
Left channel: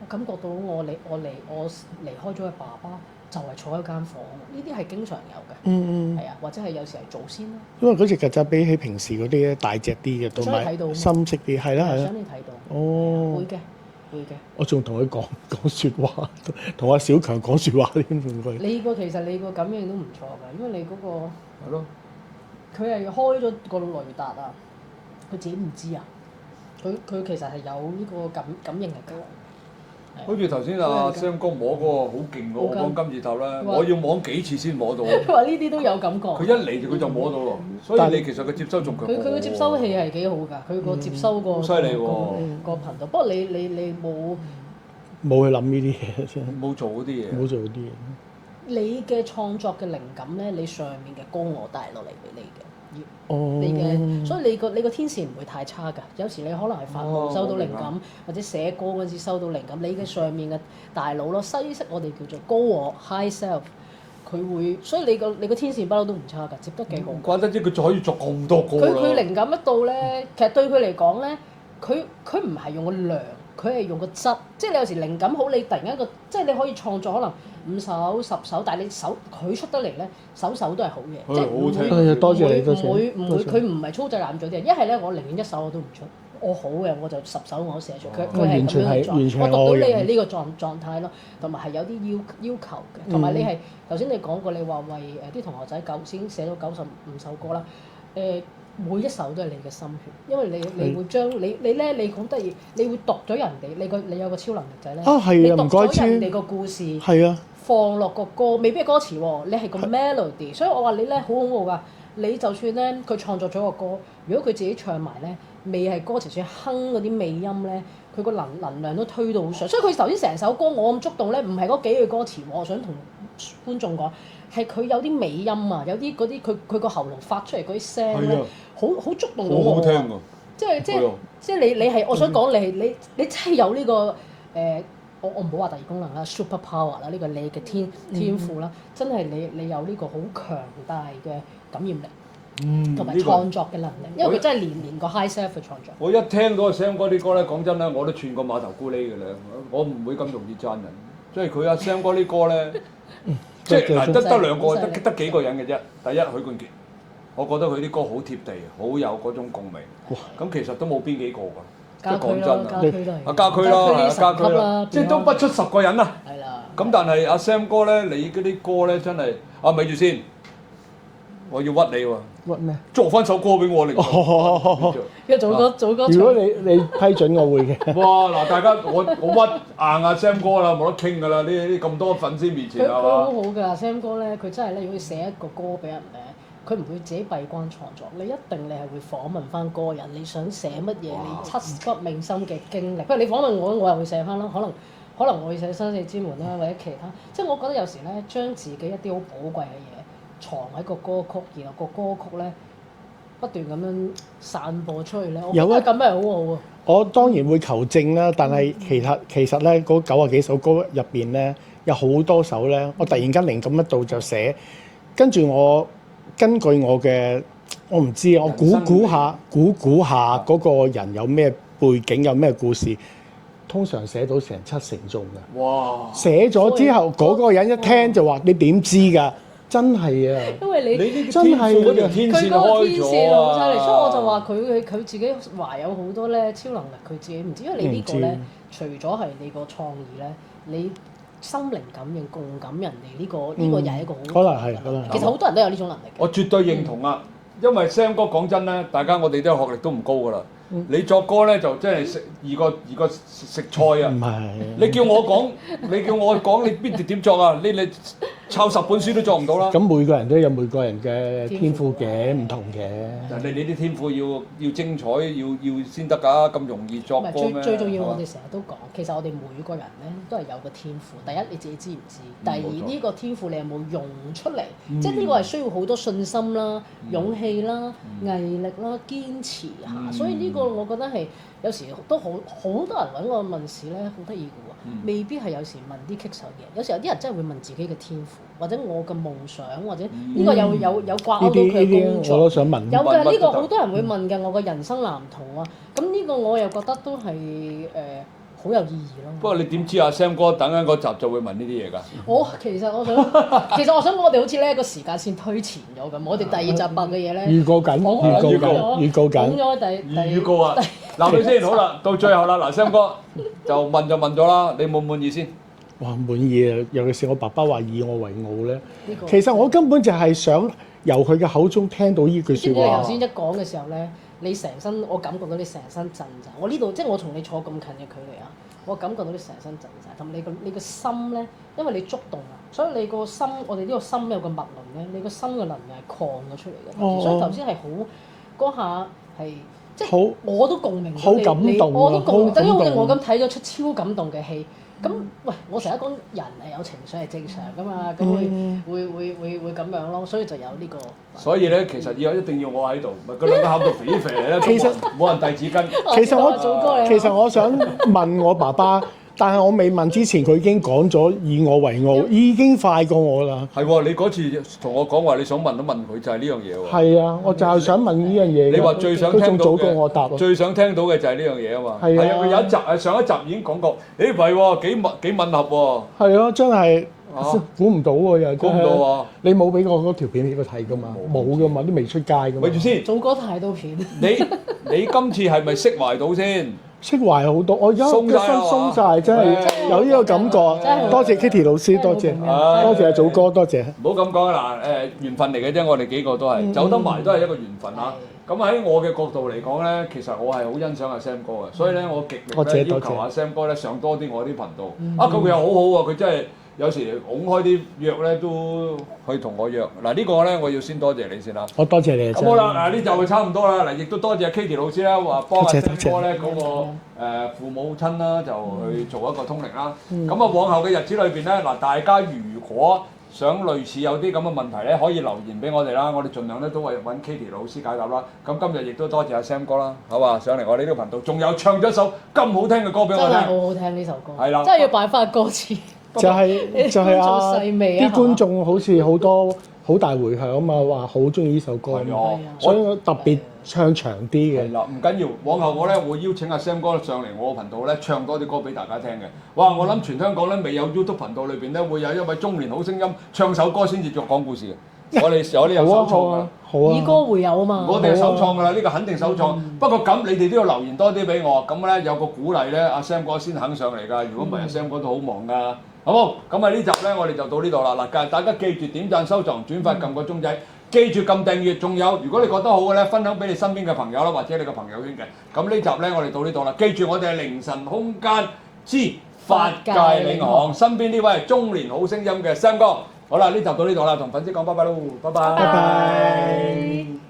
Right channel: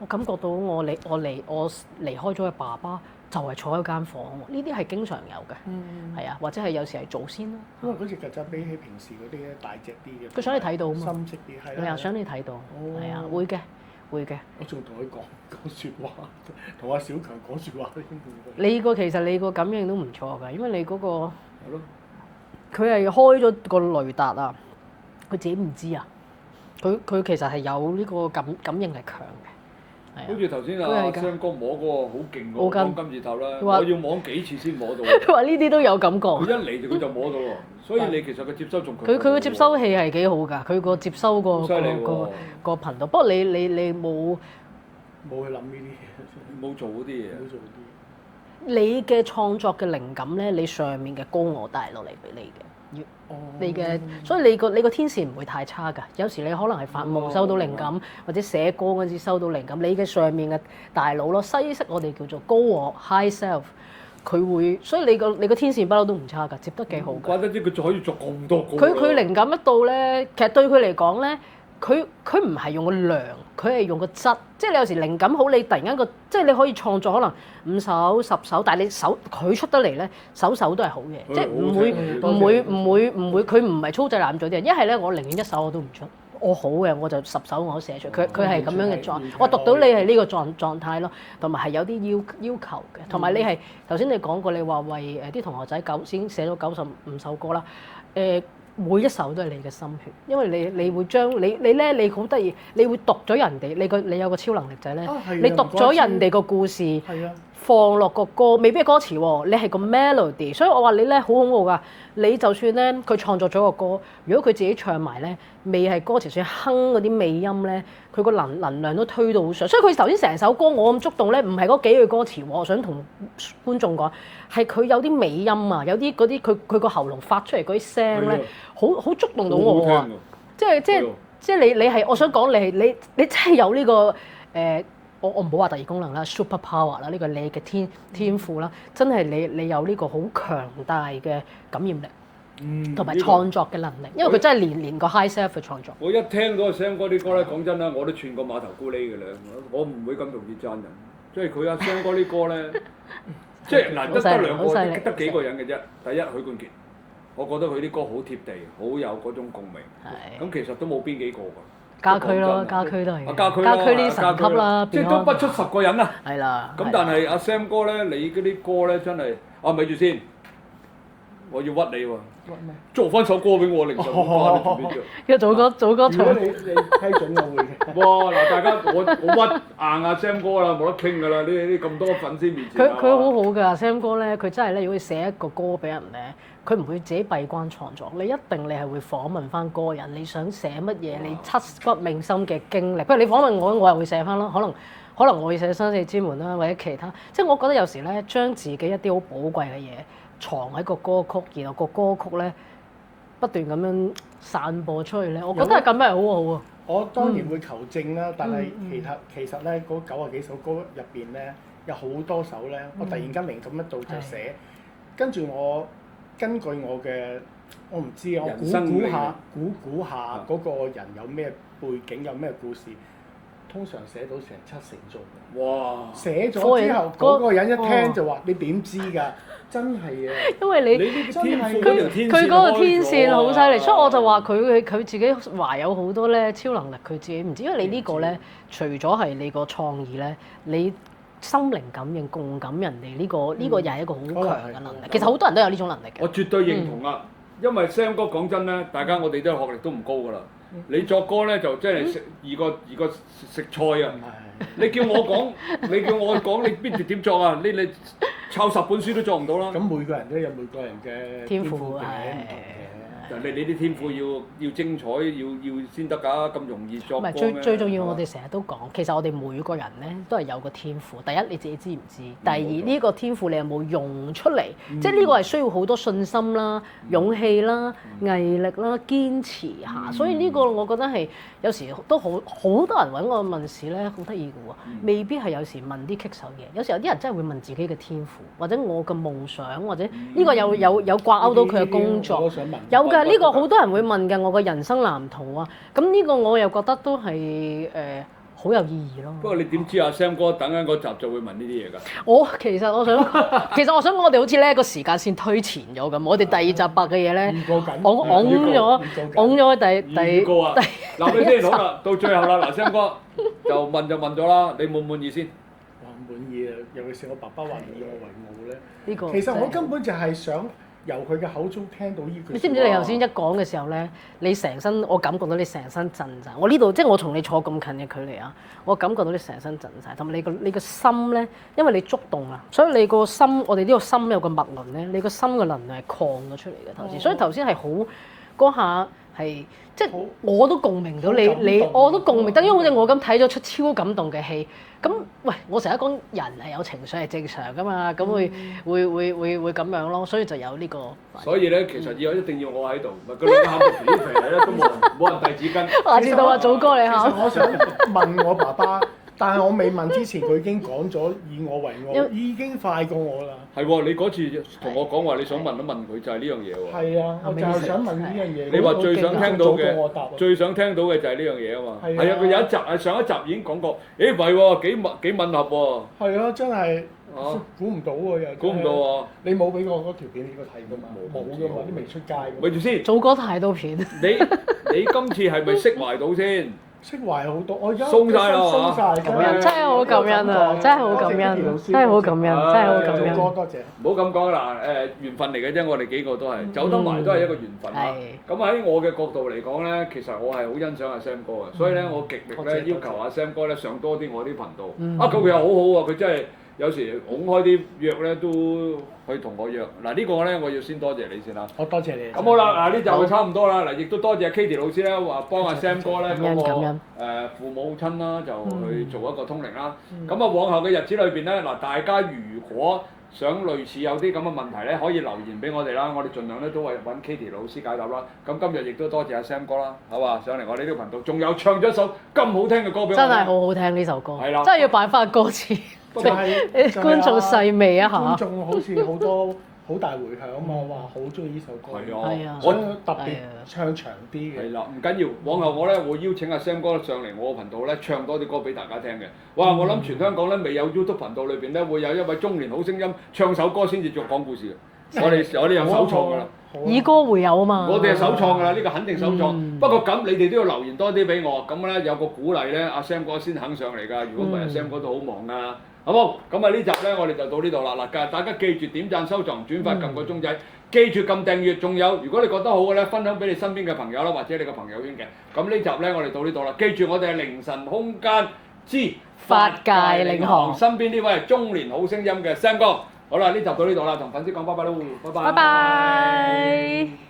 我感覺到我離開咗嘅爸爸就係坐喺間房，呢啲係經常有嘅，係啊，或者係有時係祖先啦。因為嗰隻曱甴比起平時嗰啲咧大隻啲嘅，佢想你睇到，深色啲，係啦，又想你睇到，係啊，會嘅。會嘅，我仲同佢講説話，同阿小強講説話添。你個感應都唔錯㗎，因為你嗰個係咯，佢係開咗個雷達啊，佢自己唔知啊，佢其實係有呢個感應力強嘅。好似頭先阿雙哥摸嗰個好勁嗰個金字塔啦，我要摸幾次先摸到。佢話呢啲都有感覺。佢一嚟佢就摸到咯，所以你其實佢接收仲強。佢個接收器係幾好㗎，佢個接收個頻道。不過你冇冇去諗呢啲嘢，真係冇做嗰啲嘢。冇做嗰啲嘢。你嘅創作嘅靈感咧，你上面嘅高我帶落嚟俾你嘅。哦，你嘅，所以你個天線唔會太差㗎。有時你可能係發夢收到靈感，或者寫歌嗰陣時收到靈感。你嘅上面嘅大腦咯，西式我哋叫做高我 （high self），佢會，所以你個天線不嬲都唔差㗎，接得幾好㗎。怪得知佢就可以作咁多歌。佢靈感一到咧，其實對佢嚟講咧，佢唔係用個量，佢係用個質。即係你有時靈感好，你突然間即係你可以創作可能5首10首，但係你佢出得嚟咧，首都係好嘅，即係唔會佢唔係粗製濫造啲人。一係咧，我寧願一首我都唔出，我好嘅我就10首我都寫出。佢係咁樣嘅狀，我讀到你係呢個狀態咯，同埋係有啲要求嘅，同埋你係頭先你講過，你話為啲同學仔先寫咗95首歌啦，每一首都係你嘅心血，因為你會將你好得意，你會讀咗人哋，你有個超能力就係咧，你讀咗人哋個故事，放落個歌，未必係歌詞喎，你係個 melody，所以我話你咧好恐怖㗎，你就算咧佢創作咗個歌，如果佢自己唱埋咧，未係歌詞，算哼嗰啲尾音咧，佢個能量都推到好上，所以佢頭先成首歌我咁觸動咧，唔係嗰幾句歌詞喎，我想同觀眾講，係佢有啲尾音啊，有啲嗰啲佢個喉嚨發出嚟嗰啲聲咧。好觸動到我啊！即係你係我想講你真係有呢個我唔好話特異功能啦 ，super power 啦，呢個你嘅天賦啦，真係你有呢個好強大嘅感染力，同埋創作嘅能力，因為佢真係連個 high self 去創作。我一聽嗰個 Sam 哥啲歌咧，講真啦，我都串過碼頭咕喱嘅咧，我唔會咁容易讚人，即係佢阿 Sam 哥啲歌咧，即係嗱得兩個，得幾個人嘅啫。第一許冠傑。我覺得佢啲歌好貼地，好有嗰種共鳴。咁其實都冇邊幾個㗎。家駒咯，家駒都係。家駒呢神級啦，即係都不出10個人啊。係啦。咁但係阿 Sam 哥咧，你嗰啲歌咧真係，咪住先，我要屈你喎。屈咩？作翻首歌俾我嚟。要做歌如果你批准，我會嘅。哇！嗱，大家我屈硬阿 Sam 哥啦，冇得傾㗎啦，呢咁多粉絲面前。佢好好㗎，Sam 哥咧，佢真係咧，如果寫一個歌俾人咧。佢唔會自己閉關創作，你一定係會訪問翻個人，你想寫乜嘢，你刻骨銘心嘅經歷。不如你訪問我，我又會寫翻啦。可能我會寫生死之門啦，或者其他。即係我覺得有時咧，將自己一啲好寶貴嘅嘢藏喺個歌曲，然後個歌曲咧不斷咁樣散播出去咧，我覺得咁係好好啊。我當然會求證啦，但係其實咧嗰90幾首歌入邊咧，有好多首咧，我突然間靈感一到就寫，跟住我。根據我嘅，我唔知啊，我估下嗰個人有咩背景，有咩故事，通常寫到成7成中嘅。哇！寫咗之後，嗰個人一聽就話：你點知㗎？真係啊！因為你真係佢嗰個天線好犀利，所以我就話佢自己懷有好多咧超能力，佢自己唔知，因為你呢個咧，除咗係你個創意咧，你。心靈感應、共感人哋呢個又係一個好強嘅能力。其實好多人都有呢種能力嘅。我絕對認同啊，因為 Sam 哥講真咧，大家我哋都學歷都唔高㗎啦。你作歌咧就即係易過食菜啊！唔係，你叫我講，你邊點作啊？你抄10本書都做唔到啦。咁每個人都有每個人嘅天賦嘅，唔同嘅。你啲天賦要精彩，要先得㗎，咁容易作歌咩？唔係最重要，我哋成日都講，其實我哋每個人咧都係有個天賦。第一你自己知唔知？第二呢個天賦你有冇用出嚟？即係呢個係需要好多信心啦、勇氣啦、毅力啦、堅持下。所以呢個我覺得係有時都好多人揾我問事咧，好得意嘅喎，未必係有時問啲棘手嘢。有時有啲人真係會問自己嘅天賦，或者我嘅夢想，或者呢個有掛鈎到佢嘅工作。我都想問。有嘅，呢個好多人會問嘅，我嘅人生藍圖啊。咁呢個我又覺得都係好有意義咯。不過你點知阿 Sam 哥等緊嗰集就會問呢啲嘢㗎？其實我想講，我哋好似咧個時間線推前咗咁。我哋第2集白嘅嘢咧，預告緊，講咗第預告啊！嗱，你先好啦，到最後啦，嗱 Sam 哥就問咗啦，你滿唔滿意先？哇，滿意啊！尤其是我爸爸話以我為傲咧。其實我根本就係想由佢嘅口中聽到呢句説話。你知唔知你頭先一講嘅時候咧，你成身我感覺到你成身震晒。我呢度即係我同你坐咁近嘅距離啊，我感覺到你成身震晒。同埋你個心咧，因為你觸動啦，所以你個心，我哋呢個心有個脈輪咧，你個心嘅能量係擴咗出嚟嘅。所以頭先係好嗰下係即係好我都共鳴到你，好感動我都共鳴得，因為好似我好咁睇咗出超感動嘅戲。咁喂，我成日講人係有情緒係正常噶嘛，咁會咁樣咯，所以就有呢個。所以咧，其實一定要我喺度，咪個兩個喊到肥肥咧，其實冇人遞紙巾。其實我祖哥你其實我想問我爸爸，但係我未問之前，佢已經講咗以我為傲，已經快過我啦。係喎，你嗰次同我講話，你想問都問佢，就係呢樣嘢喎。係啊，我就係想問呢樣嘢。你話最想聽到佢仲早過我答嘅，最想聽到嘅就係呢樣嘢啊嘛。係啊係啊，佢有一集上一集已經講過，誒唔係喎，幾吻合喎。係啊，真係估唔到喎，又估唔到喎。你冇俾我嗰條片俾佢睇噶嘛？冇噶嘛，都未出街噶嘛。咪住先，祖哥太多片。你今次係咪釋懷到先？釋懷好多，我而家鬆晒啦鬆晒，真係真係好有呢個感恩感覺啊，真係好多謝感恩 Kitty 老師，真係好多謝感恩，真係好多謝感恩祖哥，多謝。唔好咁講啦，緣分嚟嘅啫，我哋幾個都係走得埋都係一個緣分啊。咁喺我嘅角度嚟講咧，其實我係好欣賞阿 Sam 哥嘅，所以咧我極力咧要求阿 Sam 哥咧上多啲我啲頻道。啊，佢又好好喎，佢真係有時拱開啲約咧都去同我約。嗱呢個咧我要先多謝你先啦。我多謝你。咁好啦，呢就差唔多啦。嗱，亦都多謝 Kitty 老師咧，話幫阿 Sam 哥咧嗰個父母親啦，就去做一個通靈啦。咁啊，往後嘅日子裏邊咧，嗱大家如果想類似有啲咁嘅問題咧，可以留言俾我哋啦，我哋盡量咧都會揾 Kitty 老師解答啦。咁今日亦都多謝阿 Sam 哥啦，好嘛？上嚟我哋呢個頻道，仲有唱咗一首咁好聽嘅歌俾我聽。真係好好聽呢首歌，係啦，真係要擺翻歌詞。就係觀眾細味啊！啲觀眾好似好多好大迴響啊嘛，話好中意呢首歌，係啊，所以特別唱長啲嘅。係啦，唔緊要，往後我咧會邀請阿 Sam 哥上嚟我個頻道咧唱多啲歌俾大家聽嘅。哇！我諗全香港咧未有 YouTube 頻道裏邊咧會有一位中年好聲音唱首歌先至再講故事嘅。我哋有首創㗎啦，以歌會友啊嘛。我哋係首創㗎啦，呢個肯定首創。不過咁你哋都要留言多啲俾我，咁咧有個鼓勵咧，阿 Sam 哥先肯上嚟㗎。如果唔係，阿 Sam 哥都好忙㗎。好冇？咁啊呢集咧我哋就到呢度啦。嗱，大家記住點讚、收藏、轉發、撳個鐘仔，記住撳訂閱。仲有，如果你覺得好嘅咧，分享俾你身邊嘅朋友啦，或者你個朋友圈嘅。咁呢集咧我哋到呢度啦。記住我哋係凌晨空間之法界領航，身邊呢位中年好聲音嘅 Sam 哥。好啦，呢集到呢度啦，同粉絲講拜拜咯，拜拜。拜拜。